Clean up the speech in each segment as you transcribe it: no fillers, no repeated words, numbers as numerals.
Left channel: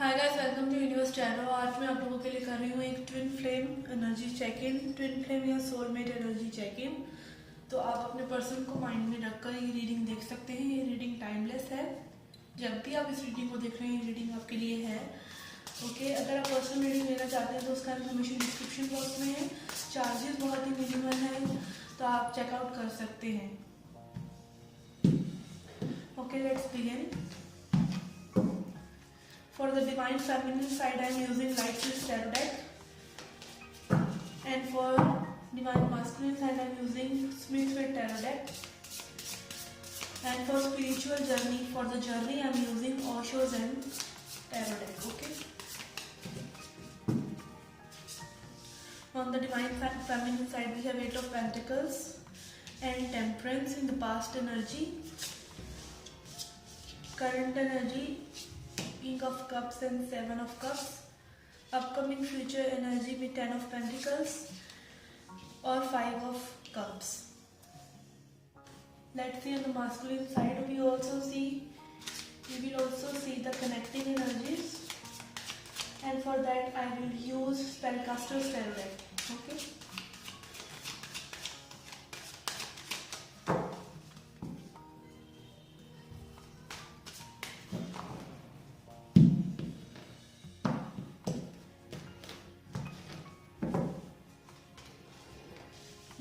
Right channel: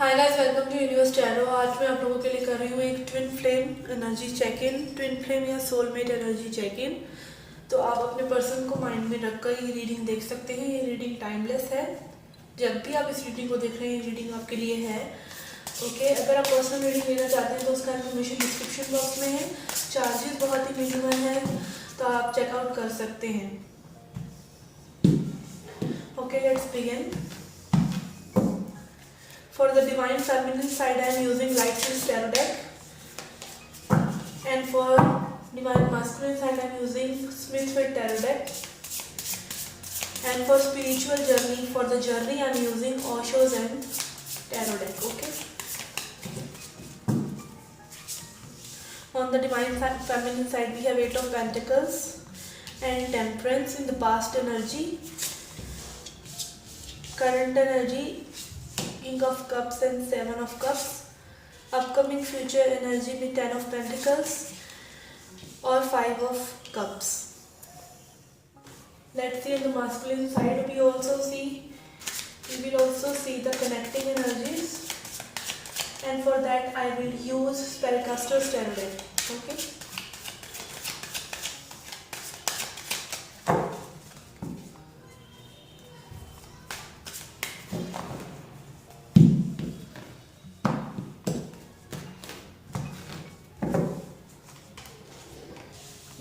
Hi guys, welcome to universe tarot. आज मैं आप लोगों के लिए कर रही हूँ एक twin flame energy check in, twin flame या सोलमेट एनर्जी चेक इन। तो आप अपने पर्सन को माइंड में रखकर ये रीडिंग देख सकते हैं। ये रीडिंग टाइमलेस है। जब भी आप इस रीडिंग को देख रहे हैं, ये रीडिंग आपके लिए है। ओके, अगर आप पर्सनल रीडिंग लेना चाहते हैं तो उसका इन्फॉर्मेशन डिस्क्रिप्शन बॉक्स में है। चार्जेस बहुत ही मिनिमल है, तो आप चेकआउट कर सकते हैं। Okay, let's begin. For the divine feminine side, I am using Light Twist Tarot deck, and for divine masculine side, I am using Smithfield Tarot deck, and for spiritual journey, for the journey, I am using Osho's and Tarot deck. Okay. On the divine feminine side, we have Eight of Pentacles and Temperance in the past energy, current energy, King of Cups and Seven of Cups, upcoming future energy with Ten of Pentacles or Five of Cups. Let's see on the masculine side. We will also see the connecting energies, and for that I will use Spellcaster's Tarot deck. Okay.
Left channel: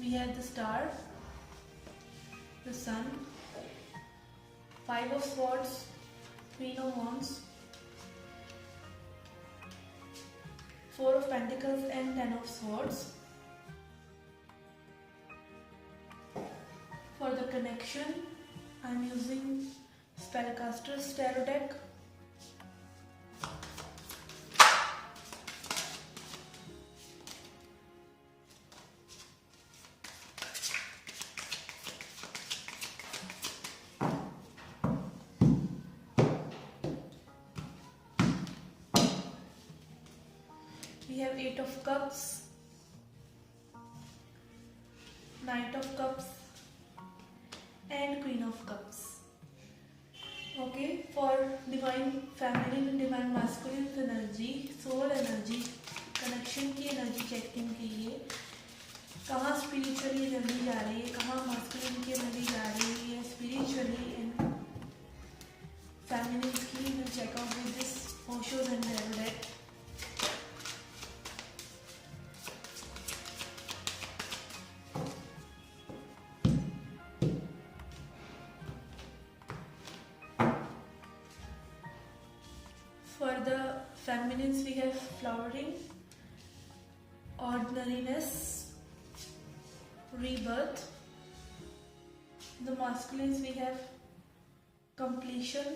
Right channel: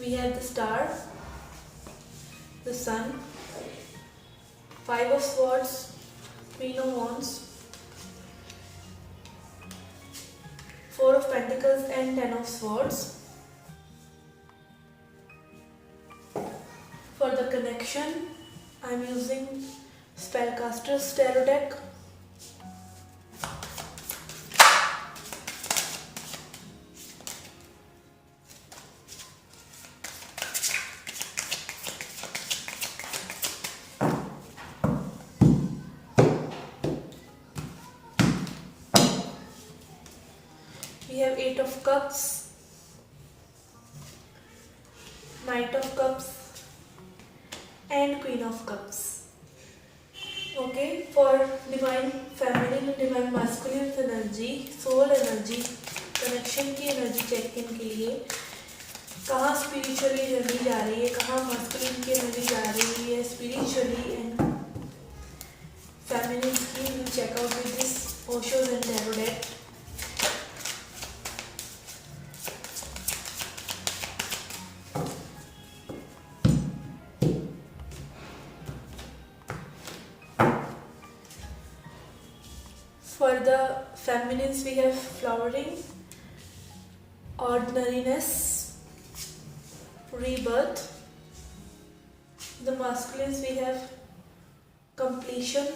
We have the Star, the Sun, Five of Swords, Queen of Wands, Four of Pentacles and Ten of Swords. For the connection, I am using Spellcaster's Tarot deck. We have Eight of Cups, Knight of Cups and Queen of Cups. Okay, for divine feminine and divine masculine energy, soul energy, connection की energy check इन के लिए कहाँ spiritually journey जा रही है, कहाँ masculine की energy जा रही है स्पिरिचुअली एंड फेमिनिन की, will check out with this Osho's and tarot deck. For the feminines, we have flowering, ordinariness, rebirth. The masculines, we have completion,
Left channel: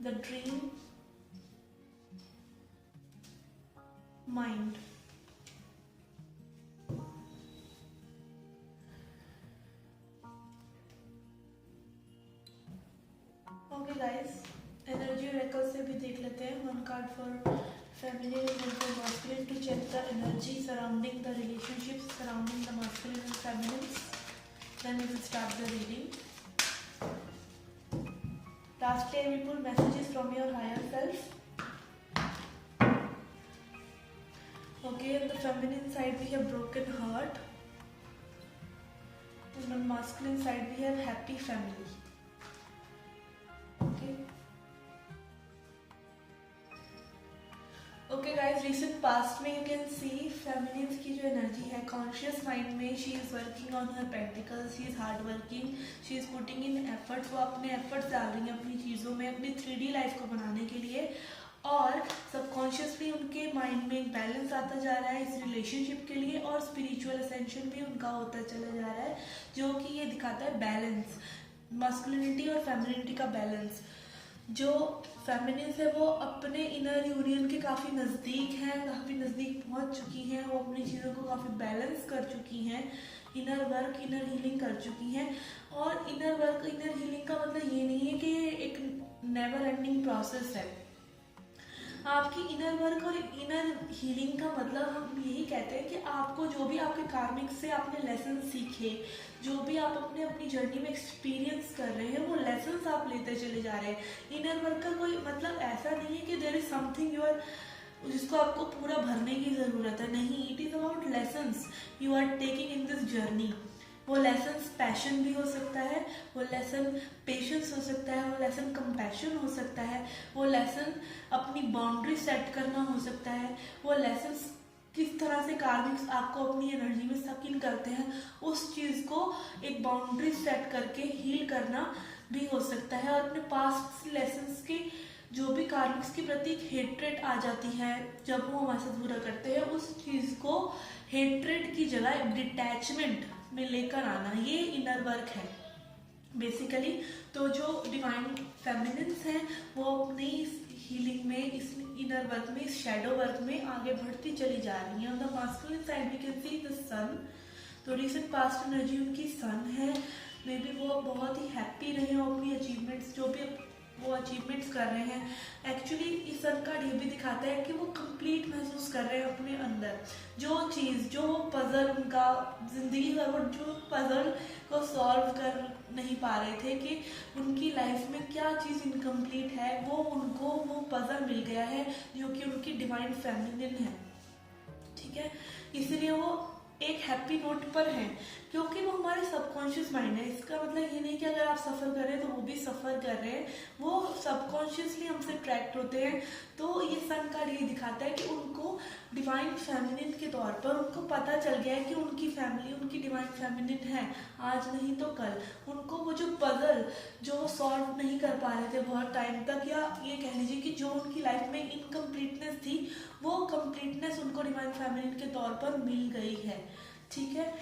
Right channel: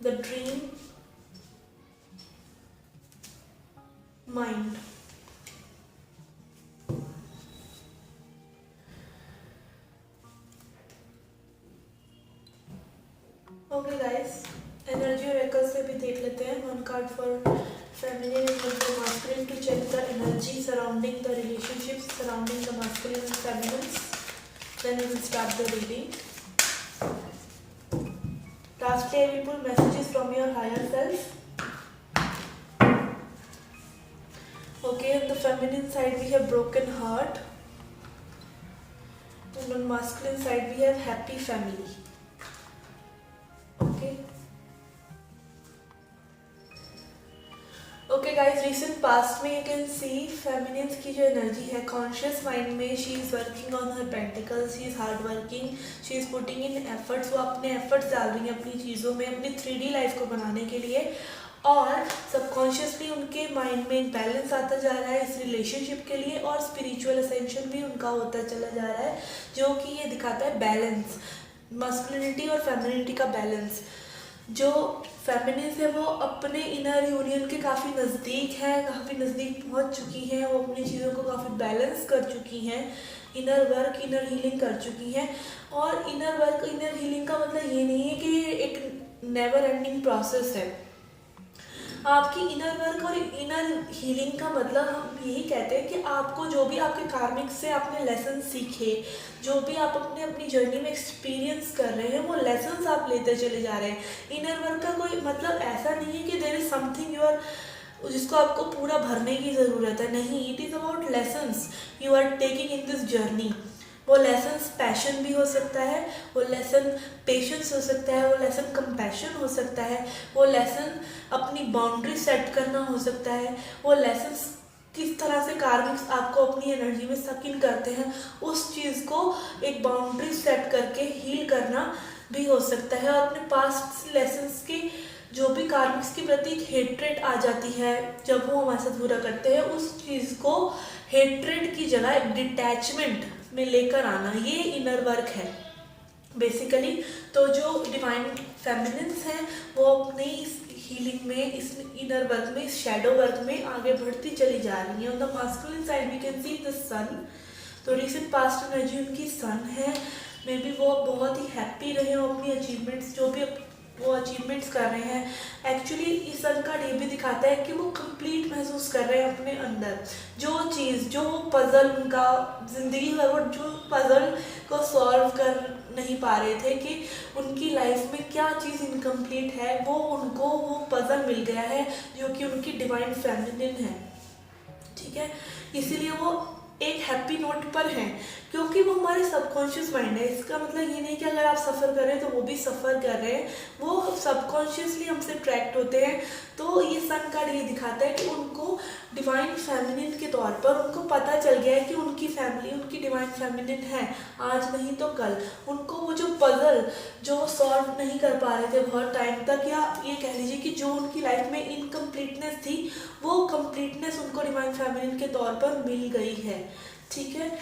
the dream, mind. Okay guys, energy oracle से भी देख लेते हैं. One card for feminine and one for masculine to check the energy surrounding the relationship surrounding the masculine and feminine. Then we will start the reading. Lastly, I will pull messages from your higher self. Okay, on the feminine side we have broken heart, and on masculine side we have happy family. Okay guys, recent past में you can see feminines की जो energy है conscious mind में, she is working on her pentacles, she is hard working, she is putting in efforts. वो अपने efforts डाल रही हैं अपनी चीज़ों में, अपनी 3D लाइफ को बनाने के लिए, और सबकॉन्शियसली उनके माइंड में बैलेंस आता जा रहा है इस रिलेशनशिप के लिए, और स्पिरिचुअल असेंशन भी उनका होता चला जा रहा है, जो कि ये दिखाता है बैलेंस, मस्कुलिनिटी और फेमिनिटी का बैलेंस. जो फेमिनिन्स है वो अपने इनर यूनियन के काफ़ी नज़दीक हैं, काफ़ी नज़दीक पहुंच चुकी हैं, वो अपनी चीज़ों को काफ़ी बैलेंस कर चुकी हैं, इनर वर्क इनर हीलिंग कर चुकी हैं. और इनर वर्क इनर हीलिंग का मतलब ये नहीं है कि एक नेवर एंडिंग प्रोसेस है. आपकी इनर वर्क और इनर हीलिंग का मतलब हम यही कहते हैं कि आपको जो भी आपके कार्मिक से आपने लेसन सीखे, जो भी आप अपने अपनी जर्नी में एक्सपीरियंस कर रहे हैं, वो लेसन्स आप लेते चले जा रहे हैं। इनर वर्क का कोई मतलब ऐसा नहीं है कि there is something you are, जिसको आपको पूरा भरने की ज़रूरत है, नहीं। It is about lessons you are taking in this journey. वो लेसन्स पैशन भी हो सकता है, वो लेसन पेशेंस हो सकता है, वो लेसन कंपैशन हो सकता है, वो लेसन अपनी बाउंड्री सेट करना हो सकता है, वो लेसन्स किस तरह से कार्मिक्स आपको अपनी एनर्जी में सक इन करते हैं, उस चीज़ को एक बाउंड्री सेट करके हील करना भी हो सकता है। और अपने पास्ट लेसन्स की जो भी कार्मिक्स के प्रति एक हेट्रेड आ जाती है जब वो हमारे साथ बुरा करते हैं, उस चीज़ को हेट्रेड की जगह एक डिटैचमेंट में लेकर आना, ये इनर वर्क है बेसिकली। तो जो डिवाइन फेमिनिन्स हैं वो अपनी इस हीलिंग में, इस इनर वर्क में, इस शैडो वर्क में आगे बढ़ती चली जा रही हैं। On the masculine side we can see the sun. तो रिसेंट पास्ट एनर्जी उनकी सन है। मे बी वो बहुत ही हैप्पी रहे हो अपनी अचीवमेंट्स, जो भी वो अचीवमेंट्स कर रहे हैं। एक्चुअली इस सन कार्ड ये भी दिखाता है कि वो कंप्लीट महसूस कर रहे हैं अपने अंदर जो चीज़, जो पजल उनका ज़िंदगी भर, वो जो पजल को सॉल्व कर नहीं पा रहे थे कि उनकी लाइफ में क्या चीज़ इनकम्प्लीट है, वो उनको वो पजल मिल गया है जो कि उनकी डिवाइन फेमिनिन है। ठीक है, इसीलिए वो एक हैप्पी नोट पर हैं, क्योंकि वो हमारे सबकॉन्शियस माइंड है। इसका मतलब ये नहीं कि अगर आप सफ़र कर रहे हैं तो वो भी सफ़र कर रहे हैं, वो सबकॉन्शियसली हमसे अट्रैक्ट होते हैं। तो ये सन कार्ड ये दिखाता है कि उनको डिवाइन फेमिनिन के तौर पर उनको पता चल गया है कि उनकी फैमिली उनकी डिवाइन फेमिनिन है, आज नहीं तो कल। उनको वो जो पजल जो सॉल्व नहीं कर पा रहे थे बहुत टाइम तक, या ये कह लीजिए कि जो उनकी लाइफ में इनकम्प्लीटनेस थी, वो कंप्लीटनेस उनको डिवाइन फेमिनिन के तौर पर मिल गई है। ठीक है,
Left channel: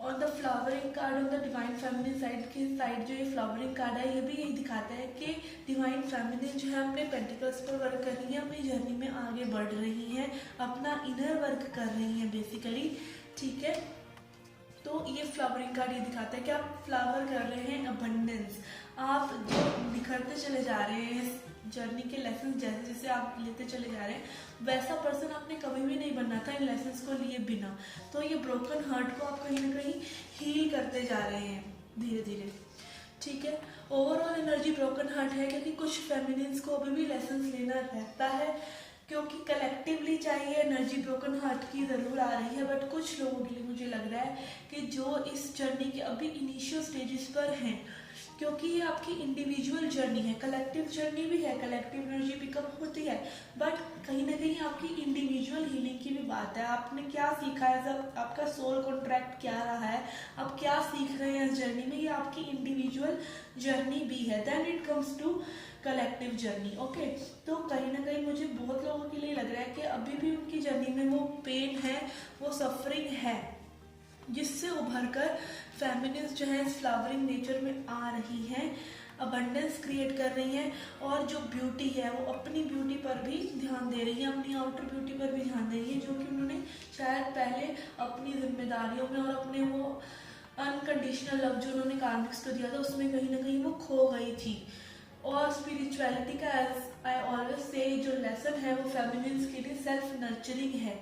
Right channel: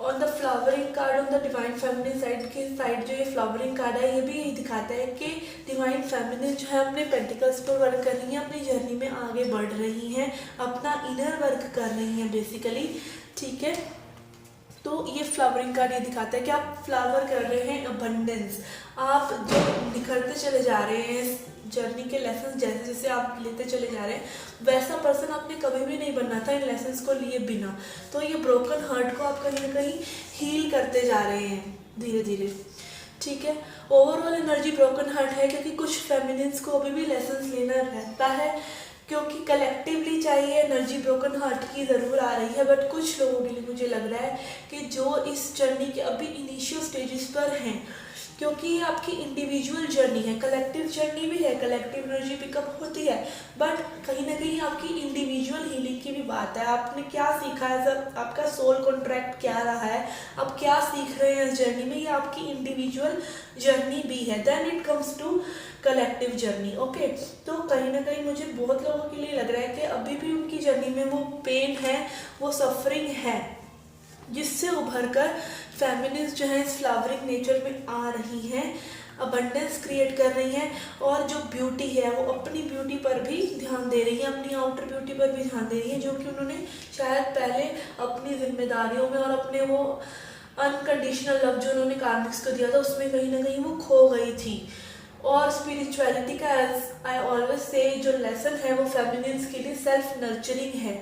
on the flowering card, on the divine feminine side के साइड जो ये फ्लावरिंग कार्ड है, ये भी यही दिखाता है कि डिवाइन फेमिनिन जो है अपने पेंटिकल्स पर वर्क कर रही हैं, अपनी जर्नी में आगे बढ़ रही हैं, अपना इनर वर्क कर रही हैं बेसिकली। ठीक है, तो ये फ्लावरिंग कार्ड ये दिखाता है कि आप फ्लावर कर रहे हैं अबंडेंस, आप जो निखरते चले जा रहे हैं जर्नी के लेसन, जैसे जैसे आप लेते चले जा रहे हैं, वैसा पर्सन आपने कभी भी नहीं बनना था इन लेसन्स को लिए बिना। तो ये ब्रोकन हार्ट को आप कहीं ना कहीं हील करते जा रहे हैं धीरे धीरे। ठीक है, ओवरऑल एनर्जी ब्रोकन हार्ट है, क्योंकि कुछ फेमिनिन्स को अभी भी लेसन्स लेना रहता है, क्योंकि कलेक्टिवली चाहिए एनर्जी ब्रोकन हार्ट की ज़रूर आ रही है। बट कुछ लोगों के लिए मुझे लग रहा है कि जो इस जर्नी के अभी इनिशियल स्टेजेस पर हैं, क्योंकि ये आपकी इंडिविजुअल जर्नी है, कलेक्टिव जर्नी भी है, कलेक्टिव एनर्जी पिकअप होती है, बट कहीं ना कहीं आपकी इंडिविजुअल हीलिंग की भी बात है। आपने क्या सीखा है, सब आपका सोल कॉन्ट्रैक्ट क्या रहा है, आप क्या सीख रहे हैं इस जर्नी में, ये आपकी इंडिविजुअल जर्नी भी है। Then it comes to collective journey. Okay, तो कहीं ना कहीं मुझे बहुत लोगों के लिए लग रहा है कि अभी भी उनकी जर्नी में वो पेन है, वो सफरिंग है, जिससे उभर कर फेमिनिस्ट जो है इस फ्लावरिंग नेचर में आ रही हैं, अबंडेंस क्रिएट कर रही हैं, और जो ब्यूटी है वो अपनी ब्यूटी पर भी ध्यान दे रही है, अपनी आउटर ब्यूटी पर भी ध्यान दे रही है, जो कि उन्होंने शायद पहले अपनी जिम्मेदारियों में और अपने वो अनकंडीशनल लव जो उन्होंने कार्मिक्स को दिया था उसमें कहीं ना कहीं वो खो गई थी। और स्पिरिचुअलिटी का एज आई ऑलवेज से जो लेसन है वो फेमिनिन्स के लिए सेल्फ नर्चरिंग है।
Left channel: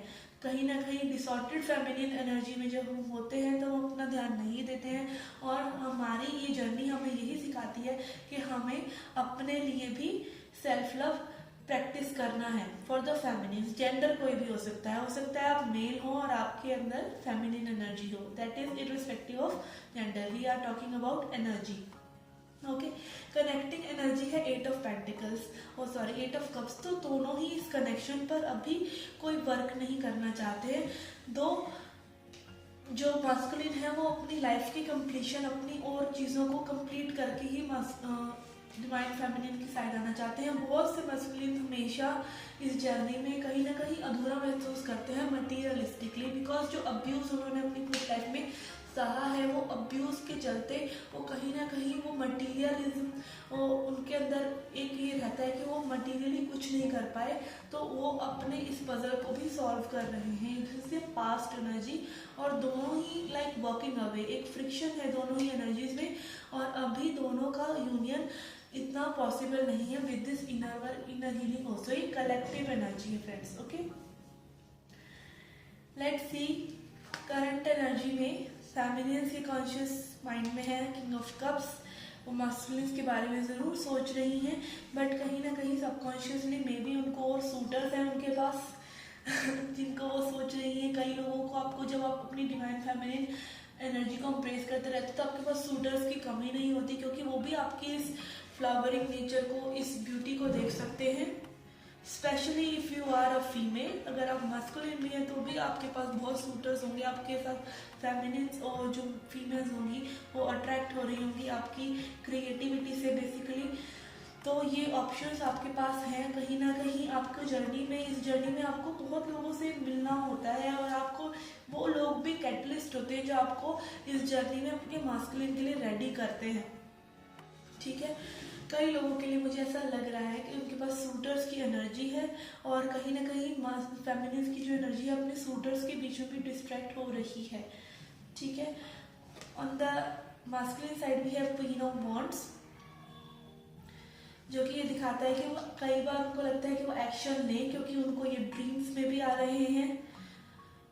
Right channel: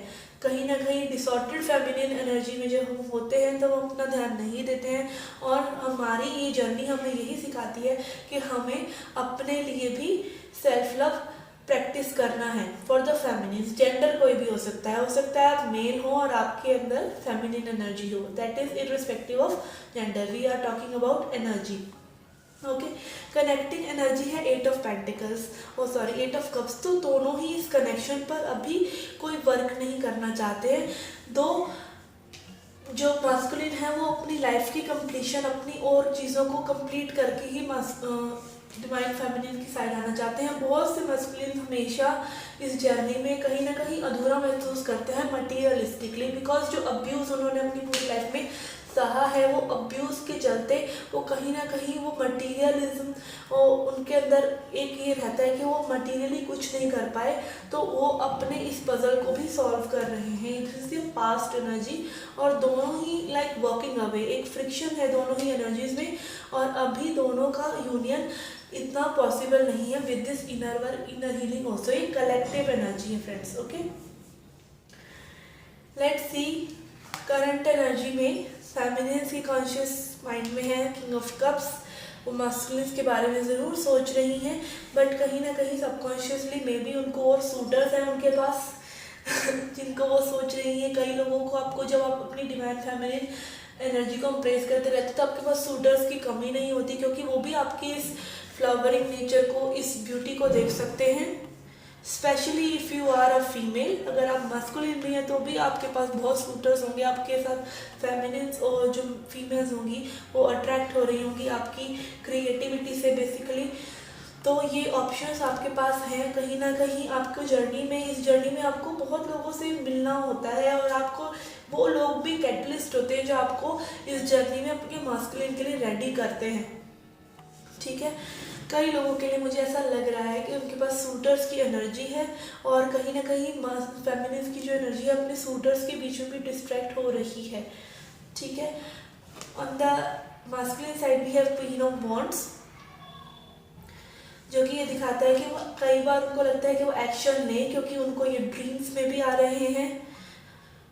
कहीं ना कहीं डिसऑर्डर्ड फेमिनिन एनर्जी में जब हम होते हैं तो हम अपना ध्यान नहीं देते हैं, और हमारी ये जर्नी हमें यही सिखाती है कि हमें अपने लिए भी सेल्फ लव प्रैक्टिस करना है। फॉर द फेमिनिन, जेंडर कोई भी हो सकता है आप मेल हो और आपके अंदर फेमिनिन एनर्जी हो, that is irrespective of gender, we are talking about energy. Okay, connecting energy है 8 of pentacles, oh sorry 8 of cups. तो दोनों ही इस कनेक्शन पर अभी कोई वर्क नहीं करना चाहते हैं। दो जो मास्कुलिन है वो अपनी लाइफ की कंप्लीशन, अपनी और चीज़ों को कंप्लीट करके ही डिवाइन फेमिनिन की साइड आना चाहते हैं। बहुत से मास्कुलिन हमेशा इस जर्नी में कहीं ना कहीं अधूरा महसूस करते हैं मटीरियलिस्टिकली, बिकॉज जो अब्यूज़ उन्होंने अपनी पूरी लाइफ में सहा है, वो अब्यूज़ के चलते वो कहीं ना कहीं वो मटीरियलिज्म और उनके अंदर एक ये रहता है कि वो मटीरियली कुछ नहीं कर पाए, तो वो अपने इस पजल को भी सॉल्व कर रहे हैं। इसलिए पास्ट एनर्जी और दोनों ही लाइक वॉकिंग अवे, एक फ्रिक्शन है दोनों ही एनर्जीज में, और अभी दोनों का यूनियन इतना पॉसिबल नहीं है with this inner work, inner healing also. ये कलेक्टिव एनर्जी है friends. Okay, let's see current energy में फेमिनिन्स की कॉन्शियस माइंड में है किंग ऑफ कप्स। वो मास्कुलिन्स के बारे में ज़रूर सोच रही हैं, बट कहीं ना कहीं सबकॉन्शियसली मे बी उनको और सूटर्स हैं उनके पास जिनको वो सोच रही हैं। कई लोगों को, आपको जब आप अपनी डिवाइन फेमिनिन एनर्जी को इम्प्रेस करते रहते तो आपके पास सूटर्स की कमी नहीं होती, क्योंकि वो भी आपकी इस फ्लावरिंग नेचर को, इस ब्यूटी को देख सकते हैं। Specially if you are a female, अगर आप मस्कुलिन भी हैं तो भी आपके पास बहुत सूटर्स होंगे। आपके साथ फेमिनिन्स और जो फीमेल्स होंगी वो अट्रैक्ट हो रही होंगी आपकी क्रिएटिविटी से बेसिकली। तो ये ऑप्शंस आपके पास हैं। कहीं ना कहीं आपको जर्नी में, इस जर्नी में आपको बहुत लोगों से मिलना होता है, और आपको वो लोग भी कैटलिस्ट होते हैं जो आपको इस जर्नी में अपने मास्कुलिन के लिए रेडी करते हैं। ठीक है, कई लोगों के लिए मुझे ऐसा लग रहा है कि उनके पास सूटर्स की एनर्जी है, और कहीं ना कहीं फेमिनिन्स की जो एनर्जी है अपने सूटर्स के बीच में भी डिस्ट्रैक्ट हो रही है। ठीक है, on the masculine side we have queen of wands, जो कि ये दिखाता है कि वो कई बार उनको लगता है कि वो एक्शन लें, क्योंकि उनको ये ड्रीम्स में भी आ रहे हैं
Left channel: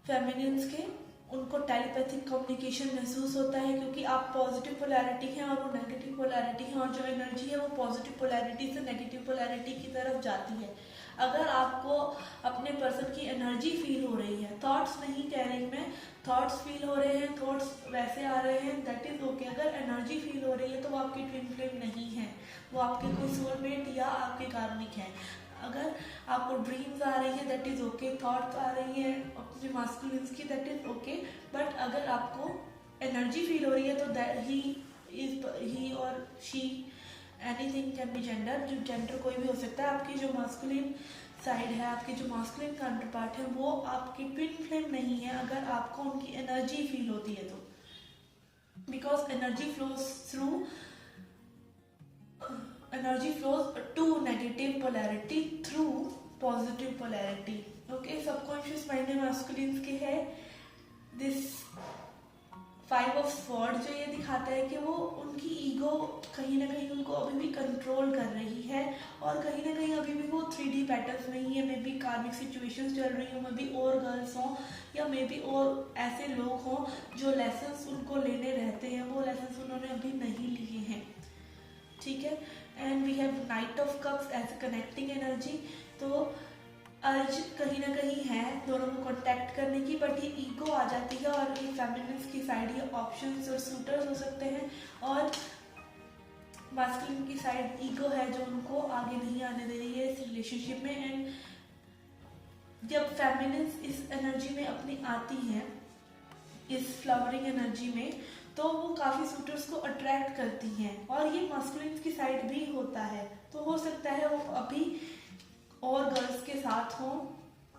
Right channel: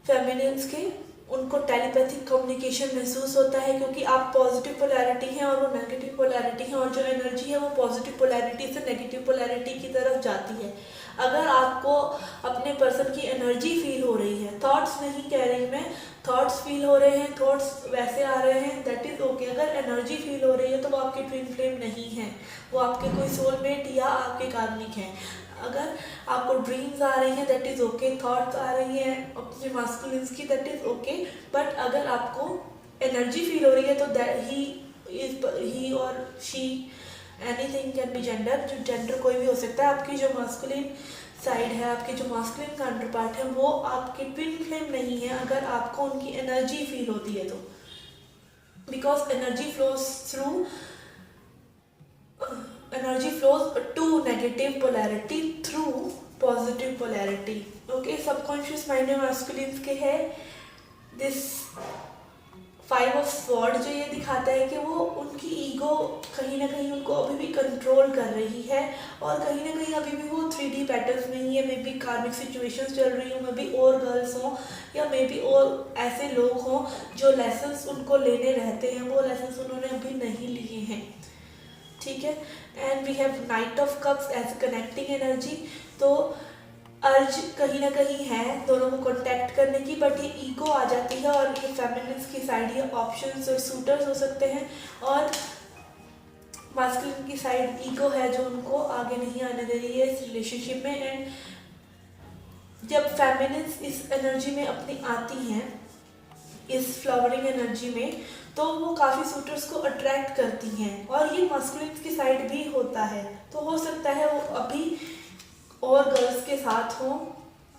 फेमिनिन्स के। उनको टेलीपैथिक कम्युनिकेशन महसूस होता है, क्योंकि आप पॉजिटिव पोलैरिटी हैं और वो नेगेटिव पोलैरिटी है, और जो एनर्जी है वो पॉजिटिव पोलैरिटी से नेगेटिव पोलैरिटी की तरफ जाती है। अगर आपको अपने पर्सन की एनर्जी फील हो रही है, थॉट्स नहीं कह रही मैं, थॉट्स फील हो रहे हैं, थॉट्स वैसे आ रहे हैं, दैट इज़ ओके। अगर एनर्जी फील हो रही है तो वो आपकी ट्विन फ्लेम नहीं है, वो आपके कोई सोलमेट या आपके कार्मिक हैं। अगर आपको ड्रीम्स आ रही हैं दैट इज़ ओके, थॉट्स आ रही हैं अपने मास्कुलिन्स की दैट इज़ ओके, बट अगर आपको एनर्जी फील हो रही है तो दैट ही और she, anything can be gender, जो जेंडर कोई भी हो सकता है। आपकी जो मास्कुलिन साइड है, आपके जो मास्कुलिन काउंटर पार्ट है, वो आपके ट्विन फ्लेम नहीं है अगर आपको उनकी एनर्जी फील होती है तो, because energy flows to negative polarity through positive polarity. Okay, subconscious mind में masculines के है this 5 of Swords, जो ये दिखाता है कि वो उनकी ईगो कहीं ना कहीं उनको अभी भी कंट्रोल कर रही है, और कहीं ना कहीं अभी भी वो 3D पैटर्न्स में ही है। मे बी कार्मिक सिचुएशंस चल रही हो, मे बी और गर्ल्स हों, या मे बी और ऐसे लोग हों जो लेसन्स उनको लेने रहते हैं, वो लेसन्स उन्होंने अभी नहीं लिए हैं। ठीक है, and we have knight of cups as connecting energy. तो अर्ज कहीं ना कहीं है दोनों को कॉन्टैक्ट करने की, बट ये ईगो आ जाती है, और ये फेमिनिन्स की साइड, ये ऑप्शंस और सूटर्स हो सकते हैं, और मास्कुलिन की साइड ईगो है जो उनको आगे नहीं आने दे रही है इस रिलेशनशिप में। एंड जब फेमिनिन्स इस एनर्जी में अपनी आती हैं, इस फ्लावरिंग एनर्जी में, तो वो काफ़ी सूटर्स को अट्रैक्ट करती हैं, और ये मास्कुलिन की साइड भी होता है। तो हो सकता है वो अभी और गर्ल्स के साथ हों,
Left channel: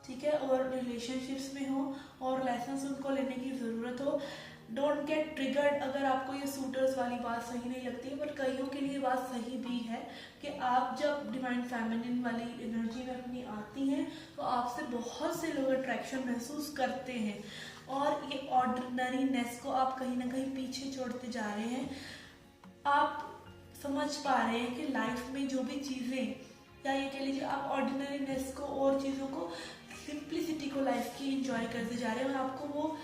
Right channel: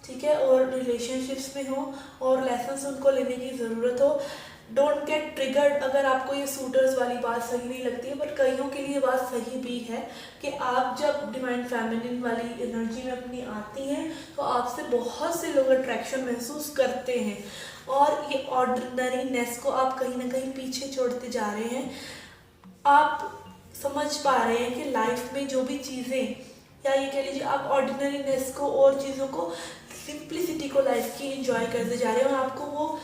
ठीक है, और रिलेशनशिप्स में हो, और लेसन्स उनको लेने की ज़रूरत हो। डोंट गेट ट्रिगर्ड अगर आपको ये सूटर्स वाली बात सही नहीं लगती है, बट कईयों के लिए बात सही भी है कि आप जब डिवाइन फेमिनिन वाली एनर्जी में अपनी आती हैं तो आपसे बहुत से लोग अट्रैक्शन महसूस करते हैं, और ये ऑर्डिनरीनेस को आप कहीं ना कहीं पीछे छोड़ते जा रहे हैं। आप समझ पा रहे हैं कि लाइफ में जो भी चीज़ें, या ये कह लीजिए आप ऑर्डिनरीनेस को और चीज़ों को, सिंप्लिसिटी को लाइफ की एंजॉय करते जा रहे हैं, और आपको वो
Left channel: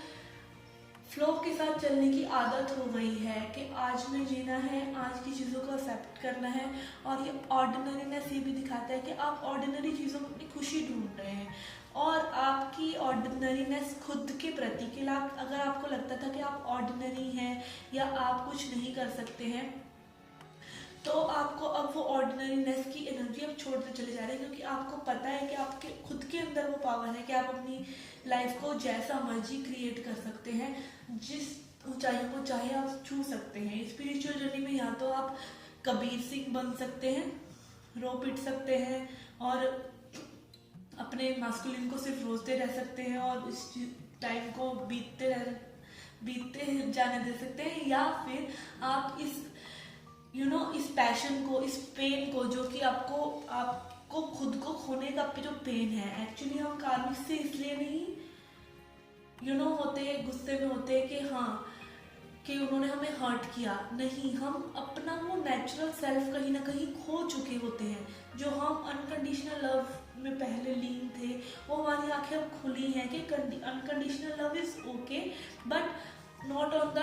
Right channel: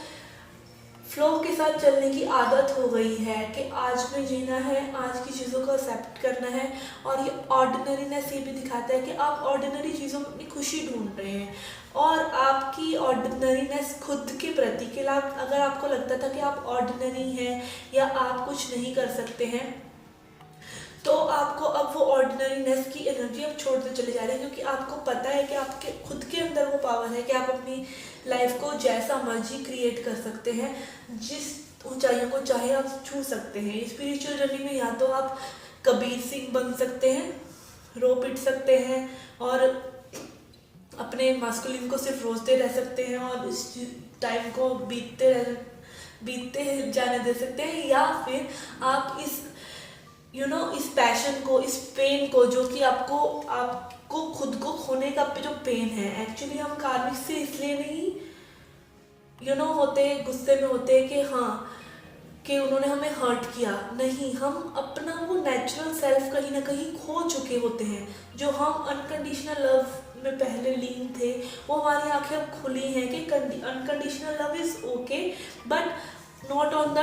फ्लो के साथ चलने की आदत हो गई है कि आज में जीना है, आज की चीज़ों को एक्सेप्ट करना है। और ये ऑर्डिनरीनेस ये भी दिखाता है कि आप ऑर्डिनरी चीज़ों में अपनी खुशी ढूंढ रहे हैं, और आपकी ऑर्डिनरीनेस खुद के प्रति के लाभ, अगर आपको लगता था कि आप ऑर्डिनरी हैं या आप कुछ नहीं कर सकते हैं, तो आपको अब वो ऑर्डिनरीनेस की एनर्जी अब छोड़ते चले जा रहे हैं, क्योंकि आपको पता है कि आपके खुद के अंदर वो पावर है कि आप अपनी लाइफ को जैसा मर्जी क्रिएट कर सकते हैं, जिस ऊंचाइयों को चाहे आप छू सकते हैं। स्पिरिचुअल जर्नी में या तो आप कबीर सिंह बन सकते हैं, रो पिट सकते हैं, और अपने मास्कुलिन को सिर्फ रोजते रह सकते हैं, और इस टाइम को बीतते जाने दे सकते हैं, या फिर आप इस इस पैशन को, इस पेन को, जो कि आपको खुद को खोने का जो पेन है, एक्चुअली हम कार्मिक से इसलिए नहीं होते, गुस्से में होते कि हाँ कि उन्होंने हमें हर्ट किया, नहीं, हम अपना वो नेचुरल सेल्फ कहीं ना कहीं खो चुके होते हैं। जो हम अनकंडीशनल लव में पहले लीन थे, वो हमारी आंखें अब खुली हैं कि unconditional love is okay, but not on the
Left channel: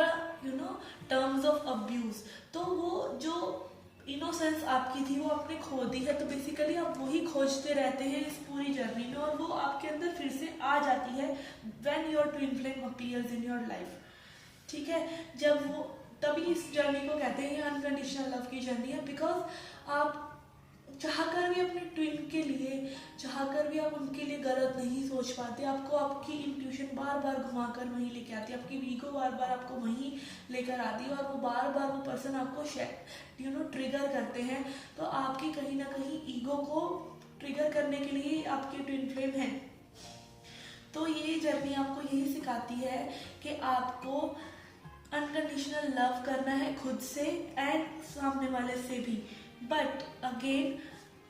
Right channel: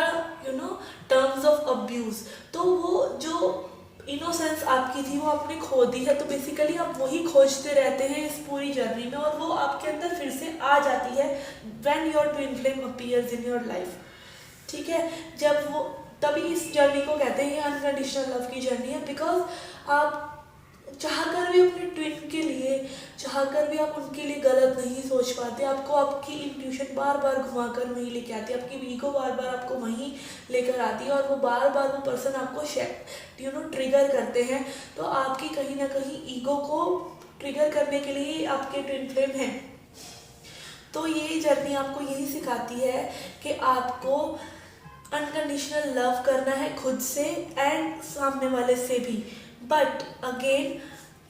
terms of abuse. तो वो जो इनोसेंस आपकी थी वो आपने खो दी है, तो बेसिकली आप वही खोजते रहते हैं इस पूरी जर्नी में, और वो आपके अंदर फिर से आ जाती है when your twin flame appears in your life. ठीक है, जब वो, तभी इस जर्नी को कहते हैं अनकंडीशनल लव की जर्नी है। बिकॉज आप चाह कर भी अपने ट्विन के लिए, चाह कर भी आप उनके लिए गलत नहीं सोच पाते। आपको आपकी इंट्यूशन बार बार घुमा कर वहीं लेके आती है, आपकी ईगो बार बार आपको वहीं लेकर आती है, और वो बार बार वो पर्सन आपको ट्रिगर करते हैं। तो आपकी कहीं ना कहीं ईगो को ट्रिगर करने के लिए आपके ट्विन फ्लेम हैं। तो ये जर्नी आपको यही सिखाती है कि आपको अनकंडीशनल लव करना है खुद से एंड सामने वाले से भी। बट अगेन,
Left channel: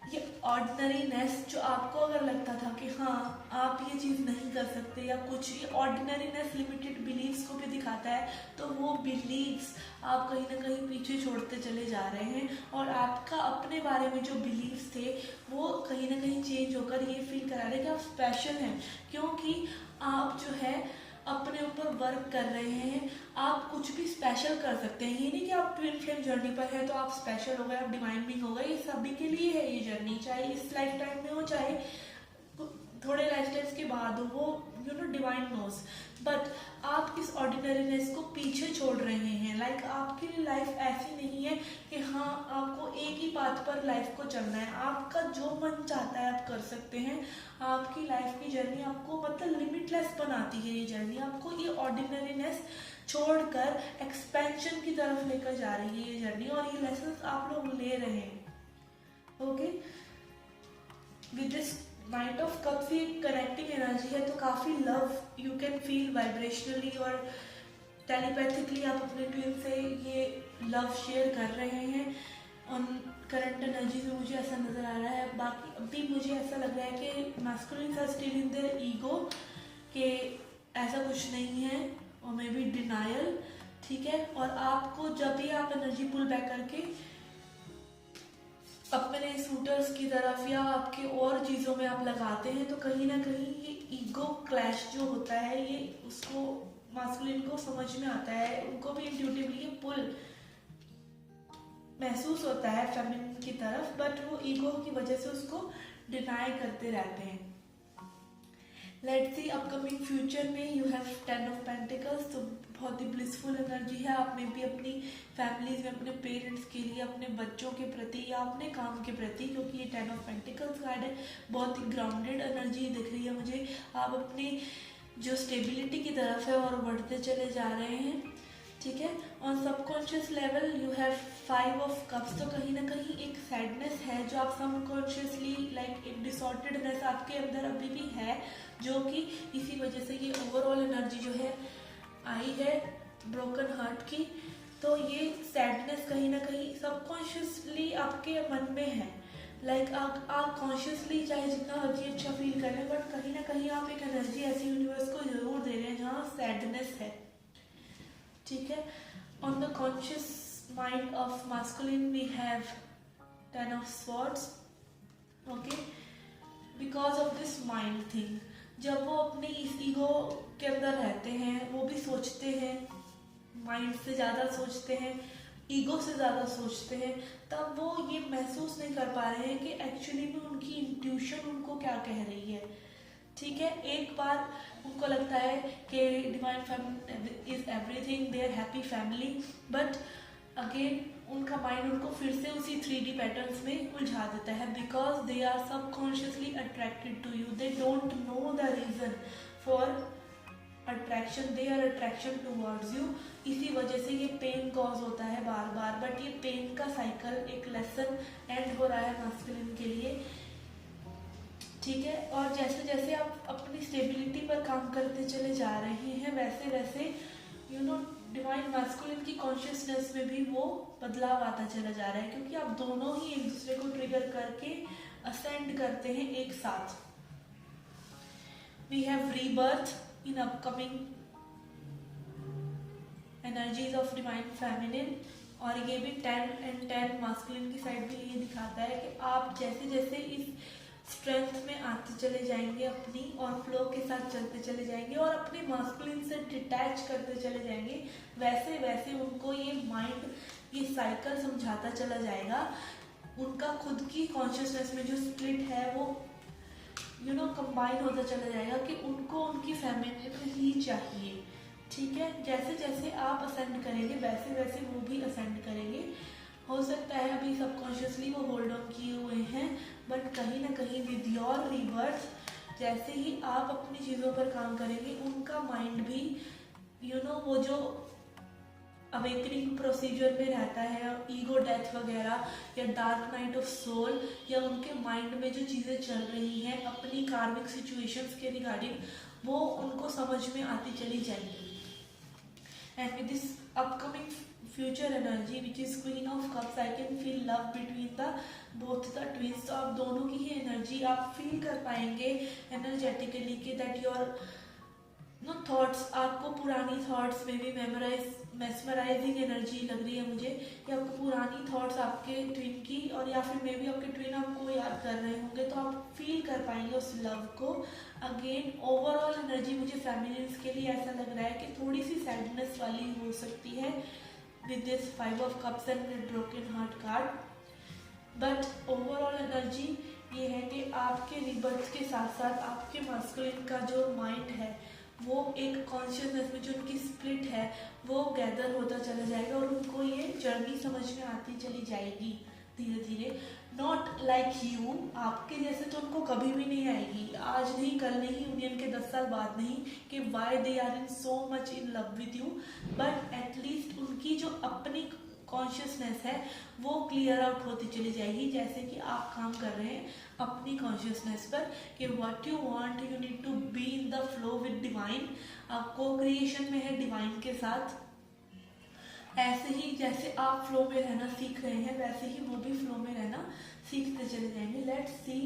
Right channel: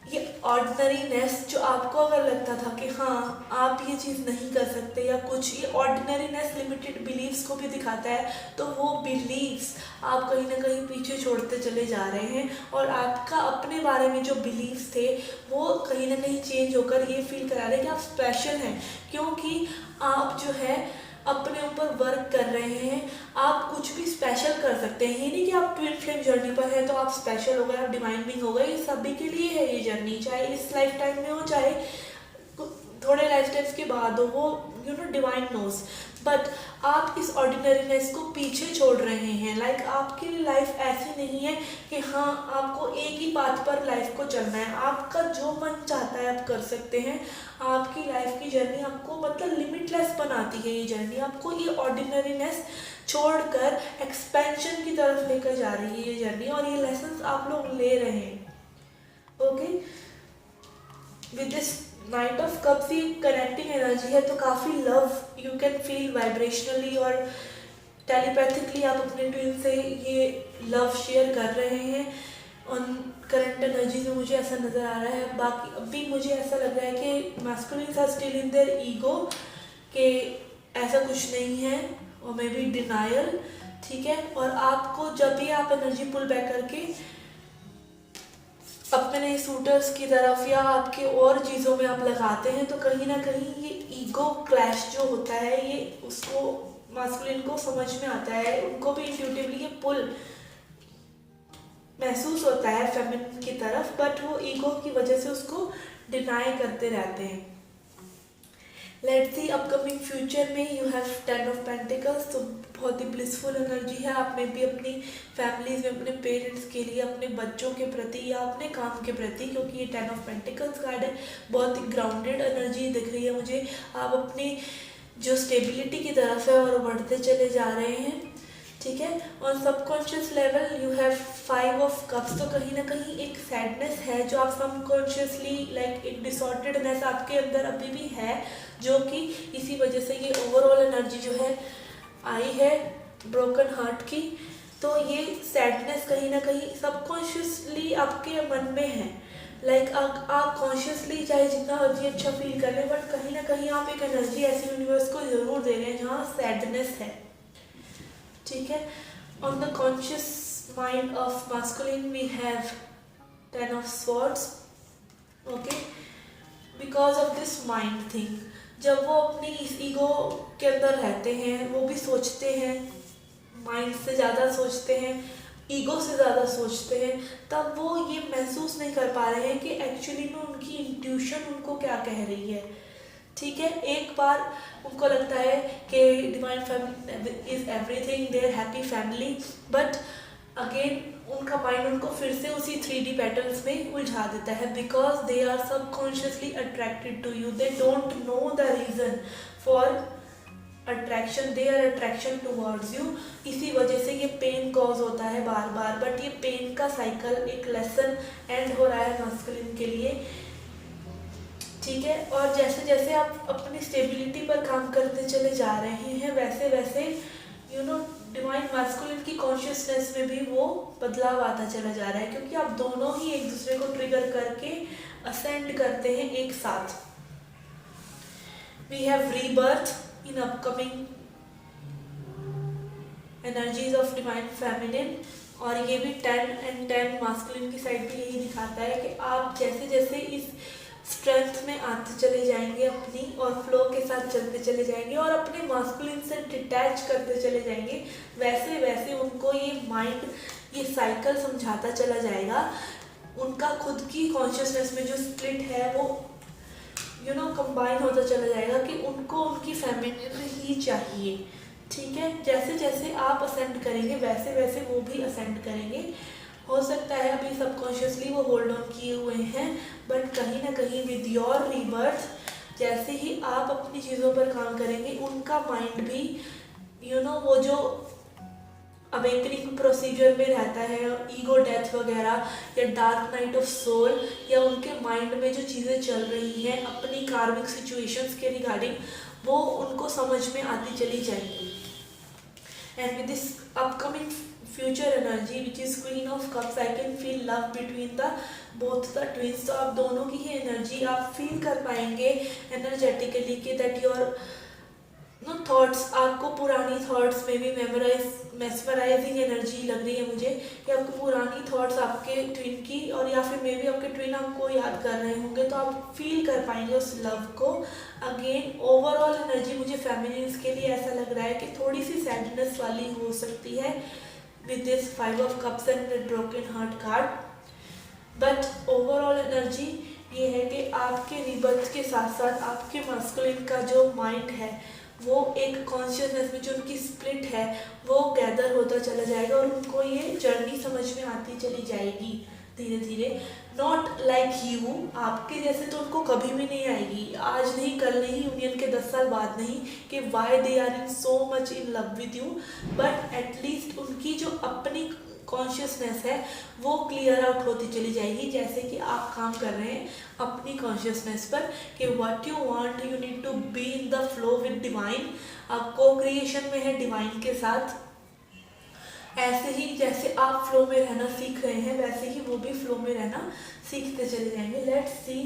ये ऑर्डिनरीनेस जो आपको अगर लगता था कि हाँ आप ये चीज़ नहीं कर सकते या कुछ, ये ऑर्डिनरीनेस लिमिटेड बिलीव्स को भी दिखाता है। तो वो बिलीव्स आप कहीं ना कहीं पीछे छोड़ते चले जा रहे हैं, और आपका अपने बारे में जो बिलीव्स थे वो कहीं ना कहीं चेंज होकर ये फील करा रहे हैं कि आप स्पेशल हैं, क्योंकि आप जो है अपने ऊपर वर्क कर रहे हैं। आप कुछ भी स्पेशल कर सकते हैं। ये नहीं कि आप ट्विन फ्लेम जर्नी पर हैं तो आप स्पेशल हो गए, आप डिवाइन बीइंग हो गए। ये सभी के लिए है ये जर्नी, चाहे इस लाइफ टाइम में हो, चाहे थोड़े लाइफ टाइम्स के बाद हो, वो डिवाइन नोज। बट आप इस ऑर्डिनरीनेस को पीछे छोड़ रहे हैं। लाइक आपके लिए लाइफ ऐसी नहीं है कि हाँ आपको एक ही पाथ पर लाइफ को चलना है। आपका जो मन चाहता है आप कर सकते हैं। आपकी लाइफ की जर्नी आपको मतलब लिमिटलेस बनाती है। ये जर्नी आपको ये ऑर्डिनरीनेस छोड़कर एक्सपेंशन की तरफ लेकर जा रही है ये जर्नी, और ये लेसन्स आप लोग ले रहे हैं। Okay, with this night of cups ये कनेक्टिंग एनर्जी है, तो काफ़ी love you can feel vibrationally और टेलीपैथिकली आप अपने ट्विन से ये लव शेयर कर रहे हैं। ऑन करंट एनर्जी में मुझे ऐसा नज़र आ रहा है। बाकी अभी मुझे ऐसा लग रहा है कि masculines are still in their ego, कि ऐसा कुछ नहीं है, और मे बी डिनायल। ठीक है, और आपको जब भी आप एनर्जी पुल बैक करके अपने सूटर्स की तरफ या आपके और चीज़ों में आप लगाते हैं, तो कहीं ना कहीं ये ईगो क्लैश जो होता है ये उसको मास्कुलिन को समझ में आता है। उनको भी इंट्यूटिवली ये पुल महसूस होता है फेमिनिन की तरफ, बट वो ईगो की वजह से उसको डिनाई करते रहते हैं। लेट्स सी अपकमिंग फ्यूचर में यू हैव 10 ऑफ पेंटिकल्स, तो बहुत ही ब्लिसफुल एनर्जी है। आप में भी अपनी फैमिलीज में अपने पेरेंट्स के लिए, अपने बच्चों के प्रति या अपने काम के प्रति, क्योंकि ये 10 ऑफ पेंटिकल्स कार्ड है, बहुत ही ग्राउंडेड एनर्जी दिख रही है मुझे। आप अपनी जो स्टेबिलिटी की तरफ है और बढ़ते चले जा रहे हैं। ठीक है, on subconscious level you have 5 of cups, तो कहीं ना कहीं एक सैडनेस है जो आप सबकॉन्शियसली लाइक एक डिसऑर्डर्डनेस आपके अंदर अभी भी है, जो कि इसी वजह से ये ओवरऑल एनर्जी जो है आई है ब्रोकन हार्ट की। तो ये सैडनेस कहीं ना कहीं सबकॉन्शियसली आपके मन में है। लाइक आप कॉन्शियसली चाहे जितना मर्जी अच्छा फील कर लें, बट कहीं ना कहीं आप एक एनर्जी ऐसी यूनिवर्स को जरूर दे रहे हैं जहाँ सैडनेस है। ठीक है, on the conscious mind of masculine we have 10 of swords. Okay, because of this mind thing, जब वो अपनी इस ईगो के अंदर रहते हैं, वो भी सोचते हैं, माइंड से ज़्यादा सोचते हैं, ईगो से ज़्यादा सोचते हैं, तब वो ये महसूस नहीं कर पा रहे हैं कि एक्चुअली में उनकी इंट्यूशन उनको क्या कह रही है। ठीक है, एक बार उनको लगता है कि divine family is everything, their happy family, but again उनका माइंड उनको फिर से उसी 3D पैटर्न्स में उलझा देता है, because they are subconsciously attracted to you. They don't know the reason for attraction, they are attraction towards you. इसी वजह से ये पेन कॉज होता है बार बार, बट ये पेन का साइकिल एक लेसन एंड हो रहा है मास्कुलिन के लिए। ठीक है, और जैसे जैसे आप अपनी स्टेबिलिटी पर काम करते चले जा रहे हैं, वैसे वैसे डिवाइन मास्कुलिन की कॉन्शियसनेस में भी वो बदलाव आता चला जा रहा है, क्योंकि आप दोनों ही एक दूसरे को ट्रिगर करके असेंड करते हैं एक साथ। We have rebirth in upcoming energies of divine feminine. और ये भी 10 and 10 मास्कुलिन की साइड भी यही दिखाता है कि आप जैसे जैसे इस स्ट्रेंथ में आते चले जाएंगे अपनी और फ्लो के साथ चलते चले जाएंगे और अपने मास्कुलिन से डिटैच करते चले जाएंगे, वैसे वैसे उनको ये माइंड ये साइकिल समझाता चला जाएगा। उनका खुद की कॉन्शियसनेस में जो स्प्लिट है वो कंबाइन होता चला जाएगा कि उनको उनकी फेमिनिन ही चाहिए। ठीक है, जैसे जैसे आप असेंड करेंगे वैसे वैसे वो भी असेंड करेंगे। हो सकता है अभी सबकॉन्शियसली वो होल्ड ऑन किए हुए हैं, बट कहीं ना कहीं विद योर रीबर्थ जैसे ही आप अपनी चीज़ों पर काम करेंगे उनका माइंड भी वो जो अवेकनिंग प्रोसीजर में रहता है, ईगो डेथ वगैरह या डार्क नाइट ऑफ सोल, या उनके माइंड में जो चीज़ें चल रही हैं अपनी कार्मिक सिचुएशंस के रिगार्डिंग, वो उनको समझ में आती चली जाएगी। And with this upcoming future energy which is queen of cups, I can feel love between the both the twins. तो आप दोनों की ही एनर्जी आप फील कर पाएंगे एनर्जेटिकली कि दैट योर थॉट्स, आपको पुरानी थॉट्स में भी मेस्मराइजिंग एनर्जी लग रही है मुझे कि आपकी पुरानी थॉट्स आपके ट्विन की, और या फिर मे बी आपके ट्विन आपको याद कर रहे होंगे, तो आप फील कर पाएंगे उस लव को अगेन। ओवरऑल एनर्जी मुझे फेमिनिन्स के लिए ऐसा लग रहा है कि थोड़ी सी सैडनेस वाली हो सकती है with this 5 of cups and broken heart card, but overall energy ये है कि आपके रिबर्थ के साथ साथ आपके मास्कुलिन का जो माइंड है वो एक कॉन्शियसनेस में जो उनकी स्प्लिट है वो गैदर होता चला जाएगा और उनको ये जर्नी समझ में आती चली जाएगी धीरे धीरे। नॉट लाइक यू, आपके जैसे तो उनको कभी भी नहीं आएगी, आज नहीं कल नहीं, यूनियन के 10 साल बाद नहीं, कि why they are in so much in love with you, but at least उनकी जो अपनी कॉन्शियसनेस है वो क्लियर आउट होती चली जाएगी, जैसे कि आप काम कर रहे हैं अपनी कॉन्शियसनेस पर कि what you want, you need to be in the flow with divine. आप को क्रिएशन में है डिवाइन के साथ, ऐसे ही जैसे आप फ्लो में रहना सीख रहे हैं वैसे ही वो भी फ्लो में रहना सीखते चले जाएंगे। Let's see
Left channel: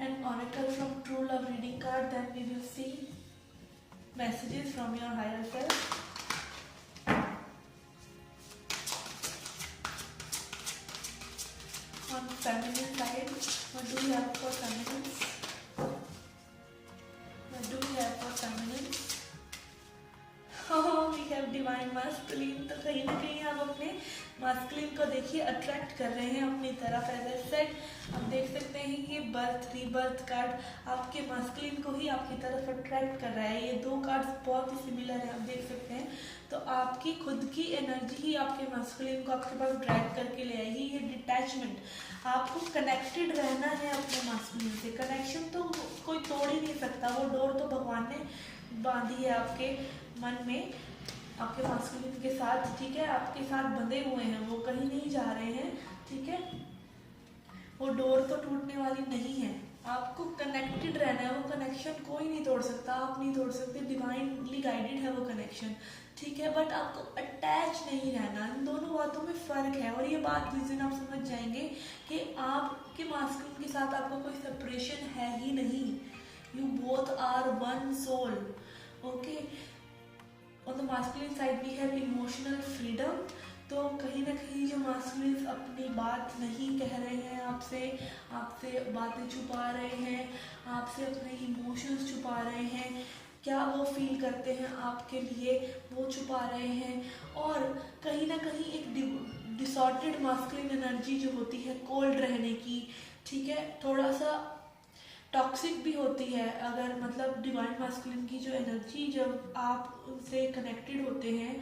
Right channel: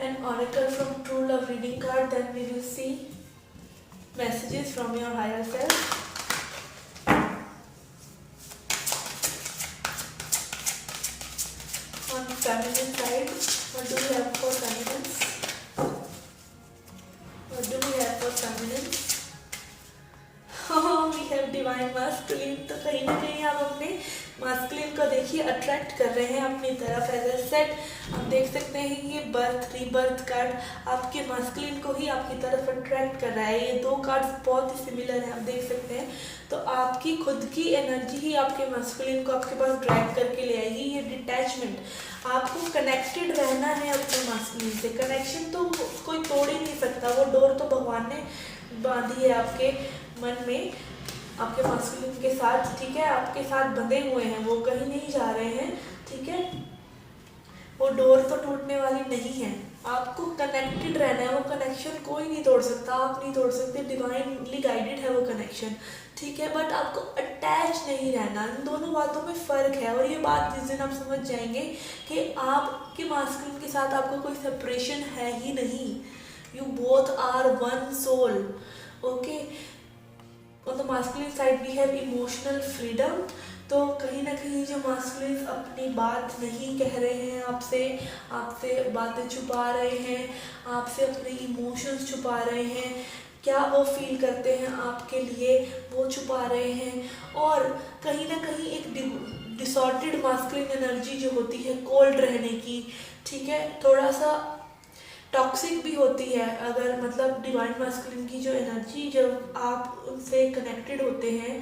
an oracle from true love reading card, then we will see messages from your higher self. On feminine side, what do we have for feminines? What do we have for feminines? Oh, we have divine masculine। तो कहीं ना कहीं आप अपने masculine को देखिए attract कर रहे हैं अपनी तरफ। एज ए सेट हम देख सकते हैं कि ये बर्थ रीबर्थ कार्ड आपके मास्कुलिन को ही आपकी तरफ अट्रैक्ट कर रहा है। ये दो कार्ड्स बहुत ही सिमिलर हैं, आप देख सकते हैं। तो आपकी खुद की एनर्जी ही आपके मास्कुलिन को आपके पास ड्रैग करके ले आएगी। ये डिटैचमेंट, आपको कनेक्टेड रहना है अपने मास्कुलिन से। कनेक्शन तो कोई तोड़ ही नहीं सकता, वो डोर तो भगवान ने बांधी है आपके मन में, आपके मास्कुलिन के साथ। ठीक है, आपके साथ बंधे हुए हैं, वो कहीं नहीं जा रहे हैं। ठीक है, वो डोर तो टूटने वाली नहीं है, आपको कनेक्टेड रहना है। वो कनेक्शन कोई नहीं तोड़ सकता, आप नहीं तोड़ सकते, डिवाइनली गाइडेड है वो कनेक्शन। ठीक है, बट आपको अटैच नहीं रहना। इन दोनों बातों में फ़र्क है, और ये बात जिस दिन आप समझ जाएंगे कि आपके मास्कुलिन के साथ आपको कोई सेपरेशन है ही नहीं, you both are one soul. Okay, on the masculine side we have emotional freedom. तो कहीं ना कहीं जो मास्कुलिन अपनी बात नहीं कह रहे हैं आपसे बातें छुपा रहे हैं, आपसे अपने इमोशंस छुपा रहे हैं, क्या वो फील करते हैं आपके लिए वो छुपा रहे हैं। और कहीं ना कहीं एक डिसॉर्टेड मास्कुलिन एनर्जी जो होती है कोल्ड रहने की, ठीक है, थोड़ा सा टॉक्सिक भी होती है। अगर मतलब डिवाइन मास्कुलिन की जो एनर्जी, जब आप उनसे कनेक्टेड होते हैं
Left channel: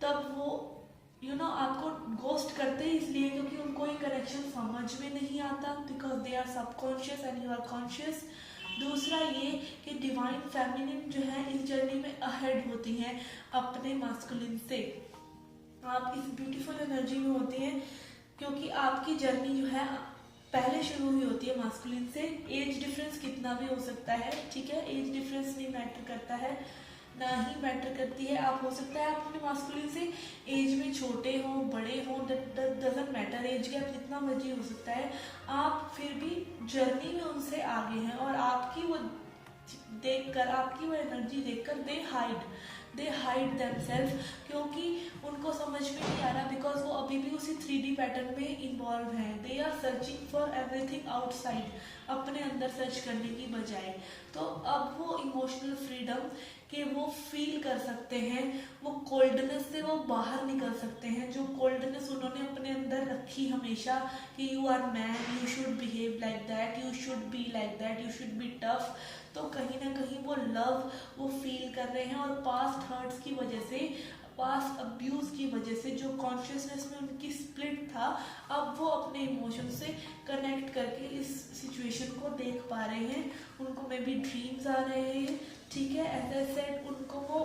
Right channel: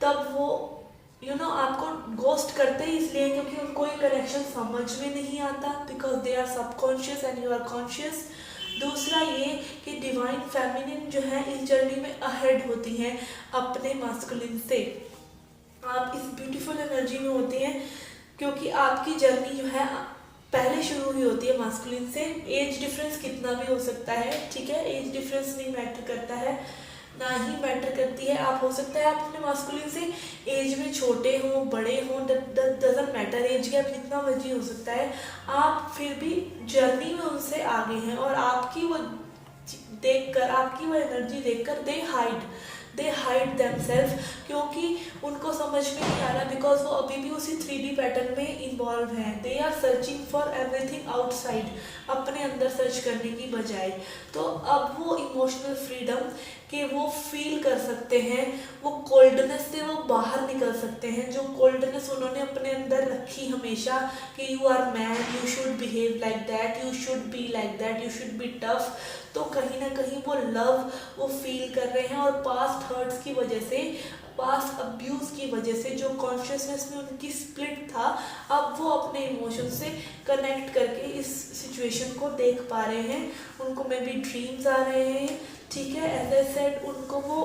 तब वो आपको गोस्ट करते ही इसलिए क्योंकि उनको ये कनेक्शन समझ में नहीं आता, because they are subconscious and you are conscious. दूसरा ये कि डिवाइन फेमिनिन जो है इस जर्नी में अहेड होती हैं अपने मास्कुलिन से। आप इस ब्यूटीफुल एनर्जी में होती हैं क्योंकि आपकी जर्नी जो है पहले शुरू हुई होती है मास्कुलिन से। एज डिफरेंस कितना भी हो सकता है, ठीक है, एज डिफरेंस नहीं मैटर करता है, ना ही मैटर करती है। आप हो सकता है आप अपने मास्कुलिन से एज में छोटे हों बड़े हों, डजंट मैटर, एज गैप जितना मर्जी हो सकता है, आप फिर भी जर्नी में उनसे आगे हैं। और आपकी वो देखकर, आपकी वो एनर्जी देखकर दे हाइड, दे हाइड देमसेल्फ, क्योंकि उनको समझ में नहीं आ रहा, बिकॉज वो अभी भी उसी 3D पैटर्न में इन्वॉल्व हैं। They are searching for everything outside, अपने अंदर सर्च करने की बजाय। तो अब वो इमोशनल फ्रीडम कि वो फील कर सकते हैं, वो कोल्डनेस से वो बाहर निकल सकते हैं, जो कोल्डनेस उन्होंने अपने अंदर रखी हमेशा कि you are man, you should behave like that, you should be like that, you should be tough. तो कहीं ना कहीं वो लव वो फील कर रहे हैं, और पास्ट हर्ट्स की वजह से, पास्ट अब्यूज़ की वजह से जो कॉन्शियसनेस में उनकी स्प्लिट था, अब वो अपने इमोशन से कनेक्ट करके इस सिचुएशन को देख पा रहे हैं। उनको मे बी ड्रीम्स आ रहे हैं, ठीक है। एज आई सेड, उनको वो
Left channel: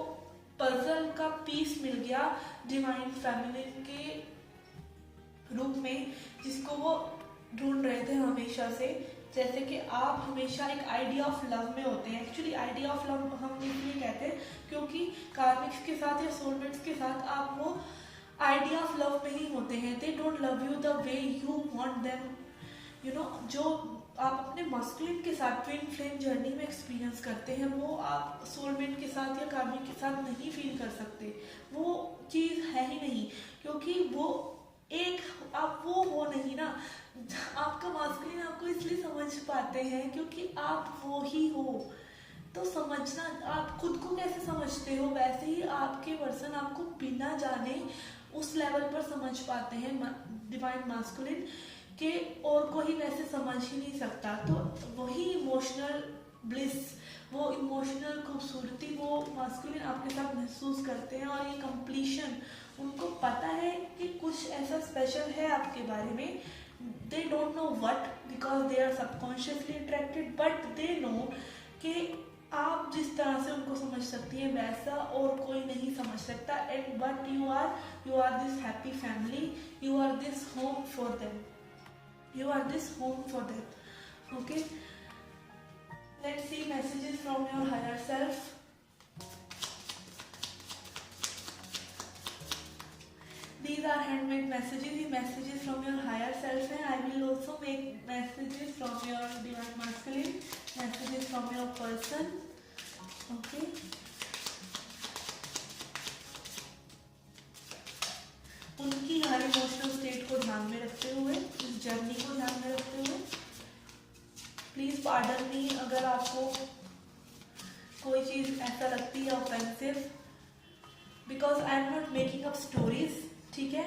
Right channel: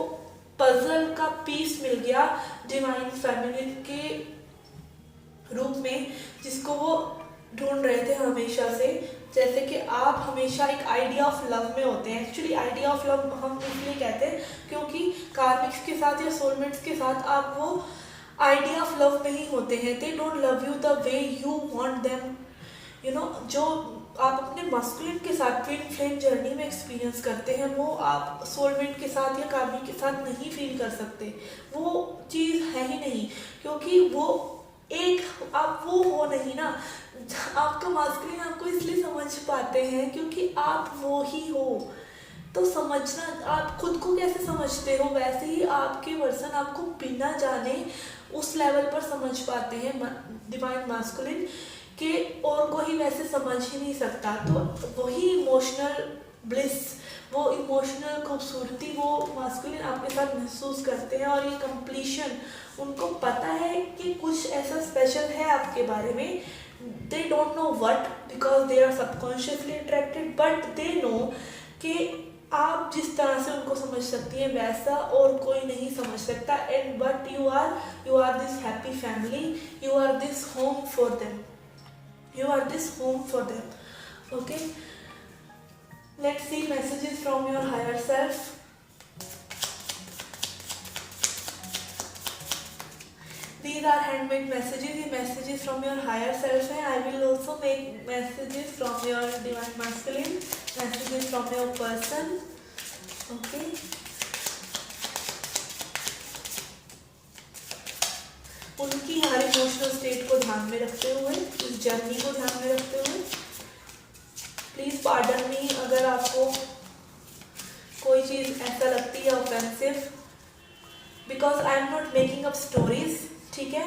पजल का पीस मिल गया डिवाइन फेमिनिन के रूप में, जिसको वो ढूंढ रहे थे हमेशा से। जैसे कि आप हमेशा एक आइडिया ऑफ लव में होते हैं। एक्चुअली आइडिया ऑफ लव हम इसलिए कहते हैं क्योंकि कार्मिक्स के साथ या सोलमेट्स के साथ आप वो आइडिया ऑफ लव में ही होते हैं। They don't love you the way you want them, you know. जो आप अपने मस्कुलिन के साथ ट्विन फ्लेम जर्नी में एक्सपीरियंस करते हैं, वो आप सोलमेट के साथ या कार्मिक के साथ नहीं फील कर सकते। वो चीज़ है ही नहीं, क्योंकि वो एक आप वो हो नहीं ना। आपका मास्कुलिन आपको इसलिए समझ पाते हैं क्योंकि आप वो ही हो। तो समझना, आप खुद को कैसे समझते हो, वैसे ही आपके वर्सन आपको बिना जाने उस लेवल पर समझ पाते हैं डिवाइन मास्कुलिन के, और कोई वैसे समझ ही नहीं सकता। तो वही इमोशनल ब्लिस, वो इमोशनल खूबसूरती वो मास्कुलिन आपके साथ महसूस करते हैं। और ये कंप्लीशन, उनको पता है कि कुछ ऐसा स्पेशल है आपके बारे में। They don't know what, because they are subconsciously attracted, but they know कि आप जिस तरह से उनको समझ सकती है वैसा और कोई नहीं समझ सकता। And but you are this happy family, you are this home for them, you are this home for them. Okay, let's see messages from your higher self. These are handmade messages. ये messages from your higher self हैं. I will also make messages from your divine masculine, messages from your person. Okay, उनकी हर emotional state को ध्यान में रखते हुए, इस journey को ध्यान में रखते हुए, प्लीज़ पार्डन मी अगर आपको कोई चीज़ ऐसा लगती है offensive, because I am not making up stories, ठीक है।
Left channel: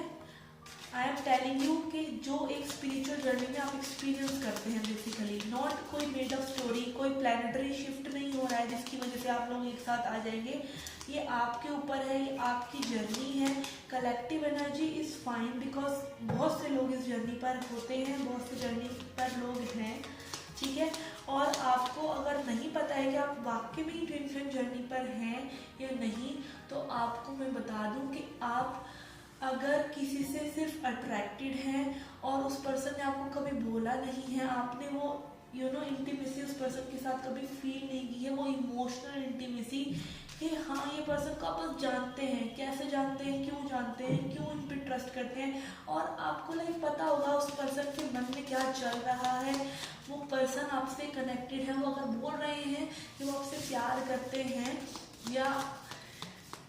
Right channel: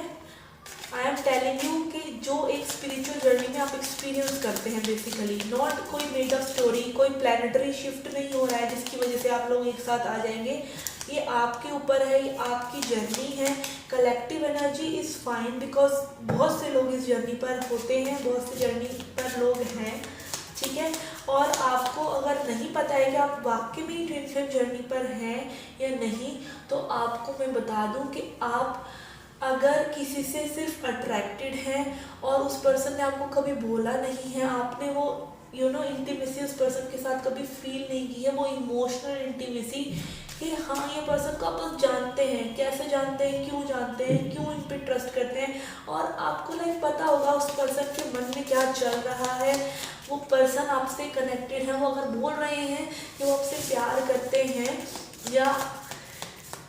आई एम टेलिंग यू कि जो एक स्पिरिचुअल जर्नी में आप एक्सपीरियंस करते हैं बेसिकली, नॉट कोई मेड अप स्टोरी, कोई प्लानिटरी शिफ्ट नहीं हो रहा है जिसकी वजह से आप लोग एक साथ आ जाएंगे। ये आपके ऊपर है, ये आपकी जर्नी है। Collective energy is fine, because बहुत से लोग इस जर्नी पर होते हैं, बहुत से जर्नी पर लोग हैं, ठीक है। और आपको अगर नहीं पता है कि आप वाकई में ट्विन फ्लेम जर्नी पर हैं या नहीं, तो आपको मैं बता दूं कि आप अगर किसी से सिर्फ अट्रैक्टेड हैं और उस पर्सन ने आपको कभी बोला नहीं है, आपने वो इंटीमेसी उस पर्सन के साथ कभी फील नहीं की है, वो इमोशनल इंटीमेसी कि हाँ ये पर्सन को आप बस जानते हैं, कैसे जानते हैं, क्यों जानते हैं, क्यों इन पे ट्रस्ट करते हैं, और आपको पता होगा उस पर्सन के मन में क्या चल रहा है। वो पर्सन आपसे कनेक्टेड है, वो अगर बोल रहे हैं कि वो आपसे प्यार करते हैं या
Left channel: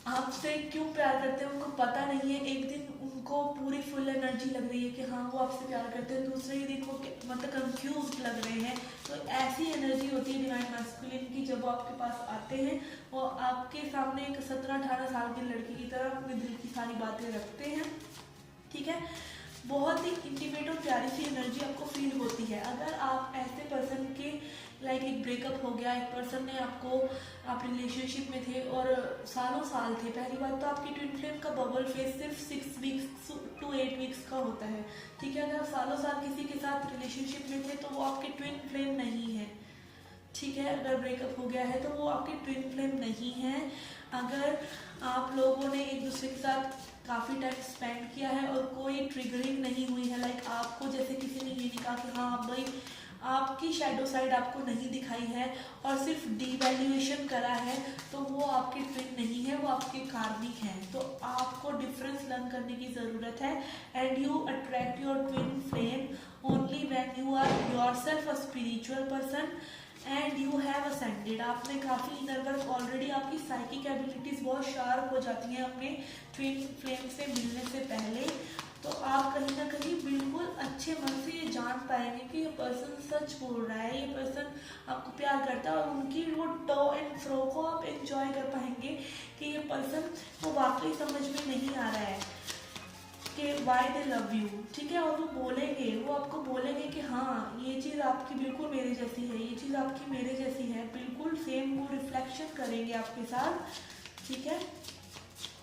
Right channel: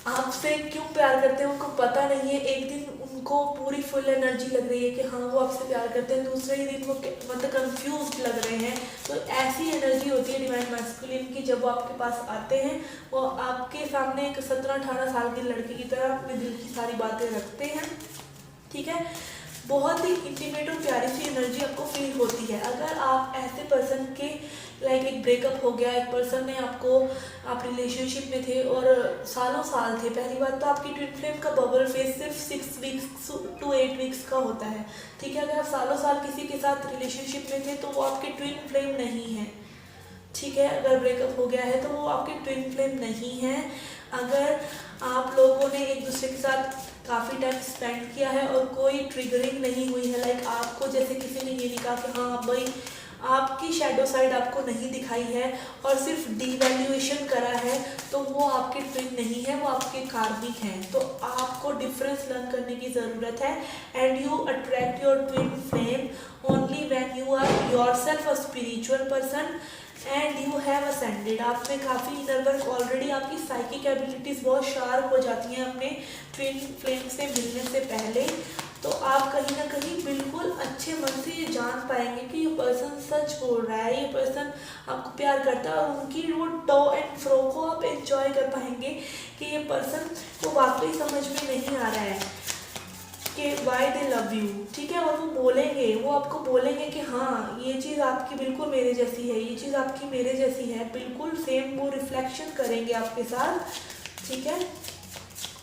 आपसे क्यों प्यार करते हैं उनको पता नहीं है। एक दिन उनको पूरी फुल एनर्जी लग रही है कि हाँ वो आपसे प्यार करते हैं, दूसरे ही दिन वो मतलब कंफ्यूज लग रहे हैं। तो ऐसी एनर्जी होती है डिवाइन मैस्कुलिन की, जब वो आपके पास आते हैं वो आपके सामने एक 17-18 साल के लड़के की तरह अपने दिल की सारी बातें रखते हैं, ठीक है। बहुत ही इंटीमेट और प्यारी सी एनर्जी आपको फील होती है। अगर आप ऐसे पर्सन के एक ब्रेकअप हो गया, एक पर्सन ने आप रिलेशनशिप में थे और सालों साल थे, पहली बात तो आपकी ट्विन फ्लेम का बबल फेज सिर्फ 6 वीक्स to 8 वीक्स का होता है, ठीक है। अगर आप सालों साल किसी के साथ रिलेशनशिप में थे तो वो आपकी ट्विन फ्लेम नहीं है, ठीक है। अगर ब्रेकअप हो गया है तो वो आपकी ट्विन फ्लेम नहीं है। अगर आप लोगों ने एक दूसरे के साथ काफ़ी टाइम स्पेंड किया है और कोई ट्रिगरिंग नहीं हुई है, आपको जैसे किसी ने ये नहीं कहा कि हाँ भाई आपकी शैडो साइड आपको नहीं दिखाई है और सिर्फ डीवैल्यूएशन करा है, तो वो आपके ट्विन नहीं है, वो आपके कार्मिक हैं। तो आपको डिफरेंस लर्न करने की ज़रूरत है। And you attract your twin flame only when you are yourself a spiritual person and you have ascended, आप में काफ़ी इनर वर्क ऑलरेडी, आपकी साइकिक एबिलिटीज़ बहुत शार्प हो जाती हैं अपने ट्विन फ्लेम से मिलने से पहले। तो आप कहीं ना कहीं बिल्कुल अच्छे मन से ये जान पाएंगे कि ये पर्सन सच बोल रहा है, ये पर्सन आपको प्यार करता है, और उनकी वो टो एंड फ्रो को आप एंजॉय कर पाएंगे कि ये पर्सन को वाकई समझ में नहीं आ रहा है कि वाई दे लव यू, ठीक है। और वो बोलेंगे, वो आपको बोलेंगे कि हाँ ये चीज़ आपकी बिल्कुल मेरे जैसी है, ये चीज़ आपकी मेरे जैसी है, बिल्कुल सेम वो रिफ्लेक्शन करेंगे आपके साथ, ठीक है।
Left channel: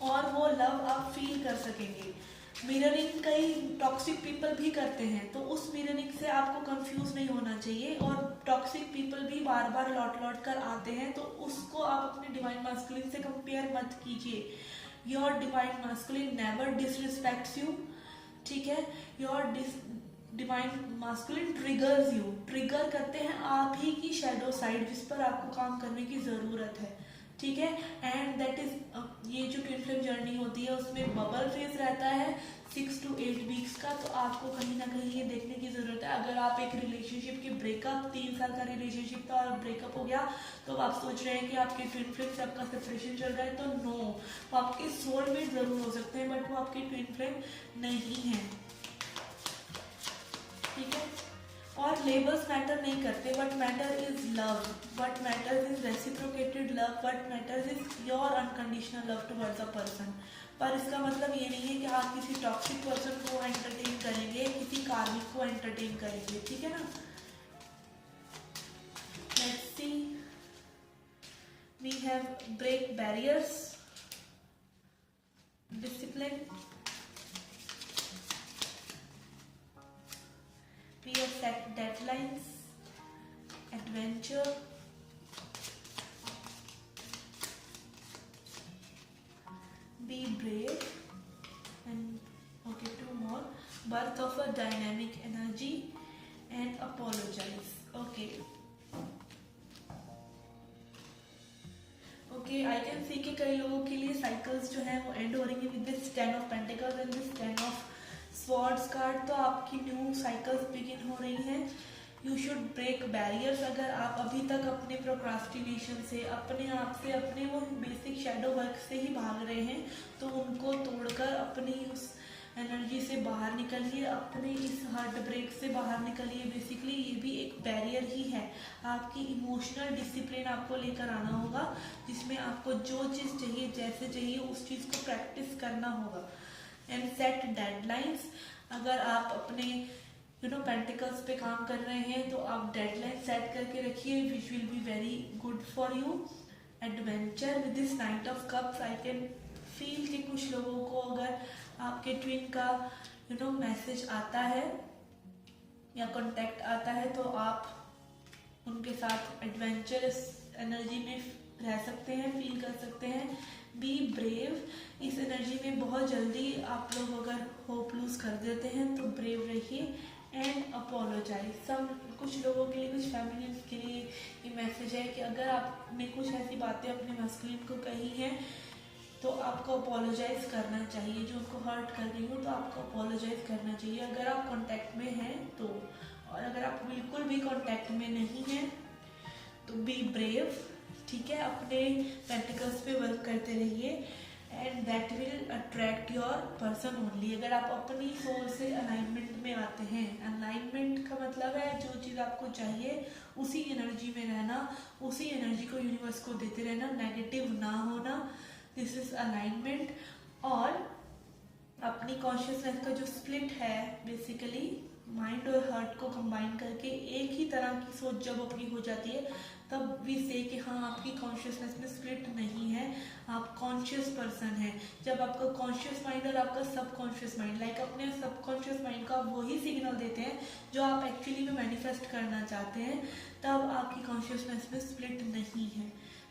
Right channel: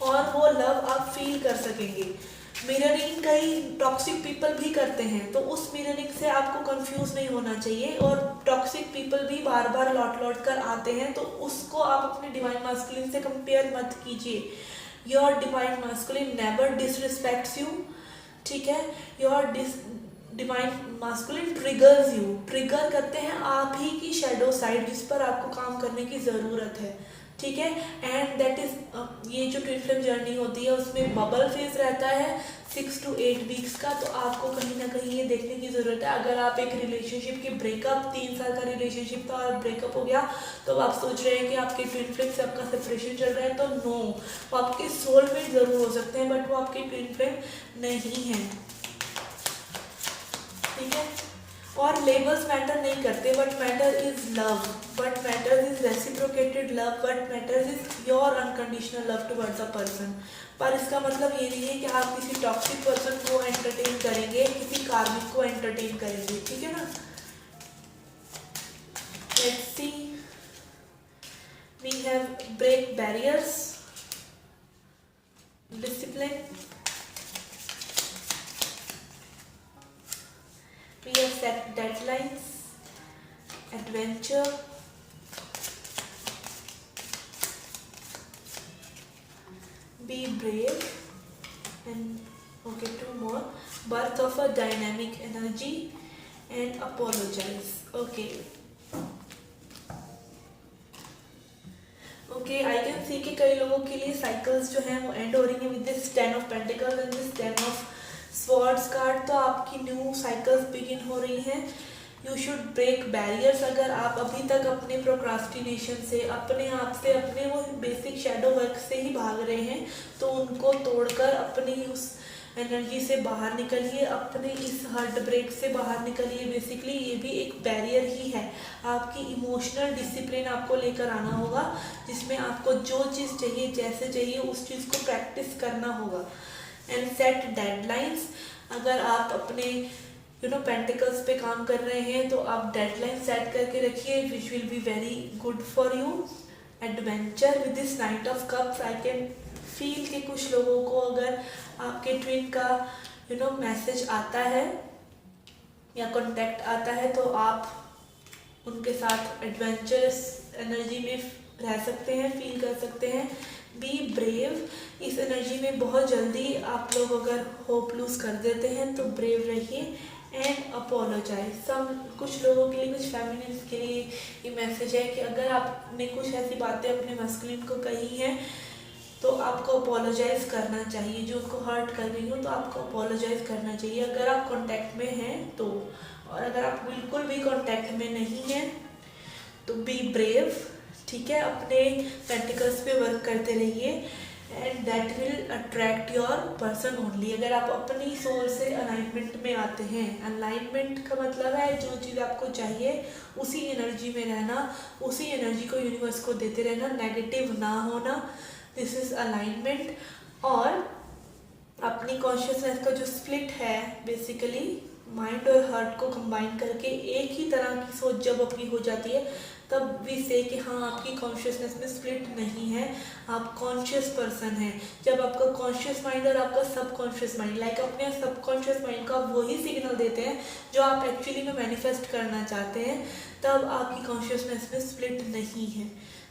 और वो लव आप फील कर सकेंगे। मिररिंग कई टॉक्सिक पीपल भी करते हैं, तो उस मिररिंग से आपको कंफ्यूज नहीं होना चाहिए। और टॉक्सिक पीपल भी बार बार लौट लौट कर आते हैं, तो उसको आप अपने डिवाइन मास्कुलिन से कंपेयर मत कीजिए। Your divine masculine never disrespects you, ठीक है। Your divine masculine triggers you, trigger करते हैं आप ही की शैडो साइड जिस पर आपको काम करने की ज़रूरत है, ठीक है। एंड दैट इज ये जो ट्विन फ्लेम जर्नी होती है उसमें बबल फेज रहता है 6 to 8 वीक्स का। तो आपको कहीं ना कहीं ये देखने की ज़रूरत है, अगर आप एक रिलेशनशिप की ब्रेकअप, 3 साल का रिलेशनशिप था और ब्रेकअप हो गया, तो आप सोच रहे हैं कि आपके ट्विन फ्लेम से आपका सेपरेशन चल रहा है, तो नो, वो आपके सोलमेट ज़रूर हो सकते हैं बट वो आपके ट्विन फ्लेम नहीं है, ठीक है। और लेबल्स मैटर नहीं करते, but matter is love, but matter is reciprocated love, but matter is your unconditional love towards a person. पर इसका मतलब ये नहीं है कि आप किसी टॉक्सिक पर्सन को एंटरटेन करेंगे, किसी कार्मिक को एंटरटेन करेंगे, ठीक है ना। Let's see, we have break barriers, discipline, we have set deadlines, adventure, be brave, and okay, 2 more, birth of a dynamic energy, and apologize. Okay, I can see कि कई लोगों के लिए साइकिल्स जो हैं वो एंड हो रही हैं with this 10 of Pentacles and this 10 of Swords card. तो आपकी न्यू साइकिल्स बिगिन हो रही हैं। You should break barriers. अगर आप अभी तक अपने प्रोक्रास्टिनेशन से, अपने आप से, अपने वो बेसिक शैडो वर्क से ही भाग रहे हैं, तो उनको तोड़कर अपनी उस एनर्जी से बाहर निकलिए, अपने इस हार्ट ब्रेक से बाहर निकलिए। बेसिकली ये भी एक बैरियर ही है। आपकी इमोशनल डिसिप्लिन आपको लेकर आना होगा, जिसमें आपको जो चीज़ चाहिए, जैसे चाहिए, उस चीज़ को प्रैक्टिस करना होगा। And set deadlines. अगर आप अपने पेंटिकल्स पे काम कर रहे हैं, तो आप डेडलाइन सेट करके रखिए, which will be very good for you. Adventure with this night of cups, I can feel कि कुछ लोगों को अगर आपके ट्विन का मैसेज आता है या कांटेक्ट आता है, तो आप उनके साथ एडवेंचरस एनर्जी में रह सकते हैं, फील कर सकते हैं। बी ब्रेव, इस एनर्जी में बहुत जल्दी आप लोग अगर होप लूज कर देते हैं, तो ब्रेव रहिए। एंड अपोलोजाइज, कुछ लोगों के लिए, कुछ फैमिलीज के लिए ये मैसेज है कि अगर आपने कुछ ऐसी बातें अपने मस्कुलिन को कही हैं, तो आपको अपोलोजाइज करना चाहिए। जो उसको हर्ट कर रही हो, तो आपको अपोलोजाइज करना चाहिए अगर आप कांटेक्ट में हैं तो। और अगर आप बिल्कुल भी कांटेक्ट में नहीं हैं, तो बी ब्रेव, ठीक है। अपने पेंटिकल्स पे वर्क करते रहिए, and that will attract your person only. अगर आप अपनी सोल से अलाइनमेंट में आते हैं, अलाइनमेंट का मतलब है जो चीज़ आपको चाहिए उसी एनर्जी में रहना, उसी एनर्जी को यूनिवर्स को देते रहना, नेगेटिव ना होना, दिस इज अलाइनमेंट। और अपनी कॉन्शियसनेस का जो स्प्लिट है, बेसिकली माइंड और हार्ट को कंबाइन करके एक ही तरह की सोच जब अपनी हो जाती है, तब भी से कि हाँ आपकी कॉन्शियसनेस में स्प्लिट नहीं है, आप कॉन्शियस पर्सन हैं। जब आपका कॉन्शियस माइंड और आपका सबकॉन्शियस माइंड, लाइक अपने सबकॉन्शियस माइंड को आप वही सिग्नल देते हैं जो आप एक्चुअली में मैनिफेस्ट करना चाहते हैं, तब आपकी कॉन्शियसनेस में स्प्लिट नहीं है,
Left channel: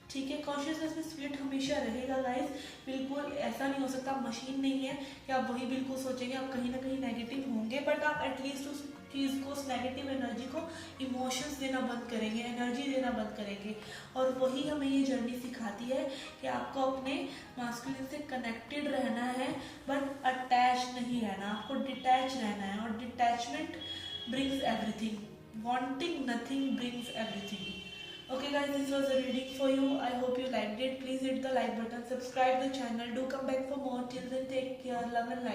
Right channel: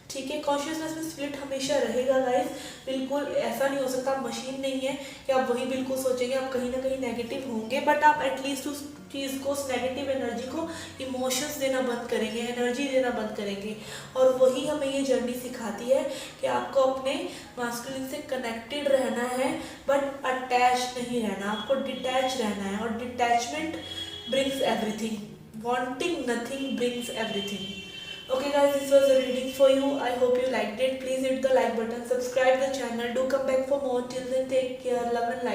ठीक है। कॉन्शियसनेस में स्प्लिट हमेशा रहेगा गाइस, बिल्कुल ऐसा नहीं हो सकता। आप मशीन नहीं है कि आप वही बिल्कुल सोचेंगे, आप कहीं ना कहीं नेगेटिव होंगे, बट आप एटलीस्ट उस चीज़ को, उस नेगेटिव एनर्जी को इमोशंस देना बंद करेंगे, एनर्जी देना बंद करेंगे। और वही हमें ये जर्नी सिखाती है कि आपको अपने मास्कुलिन से कनेक्टेड रहना है, बट अटैच नहीं रहना, आपको डिटैच रहना है। और detachment brings everything, wanting nothing brings everything. Okay guys, this was a reading for you. I hope you liked it. Please hit the like button, subscribe the channel, do come back for more. Till then, take care, love and light.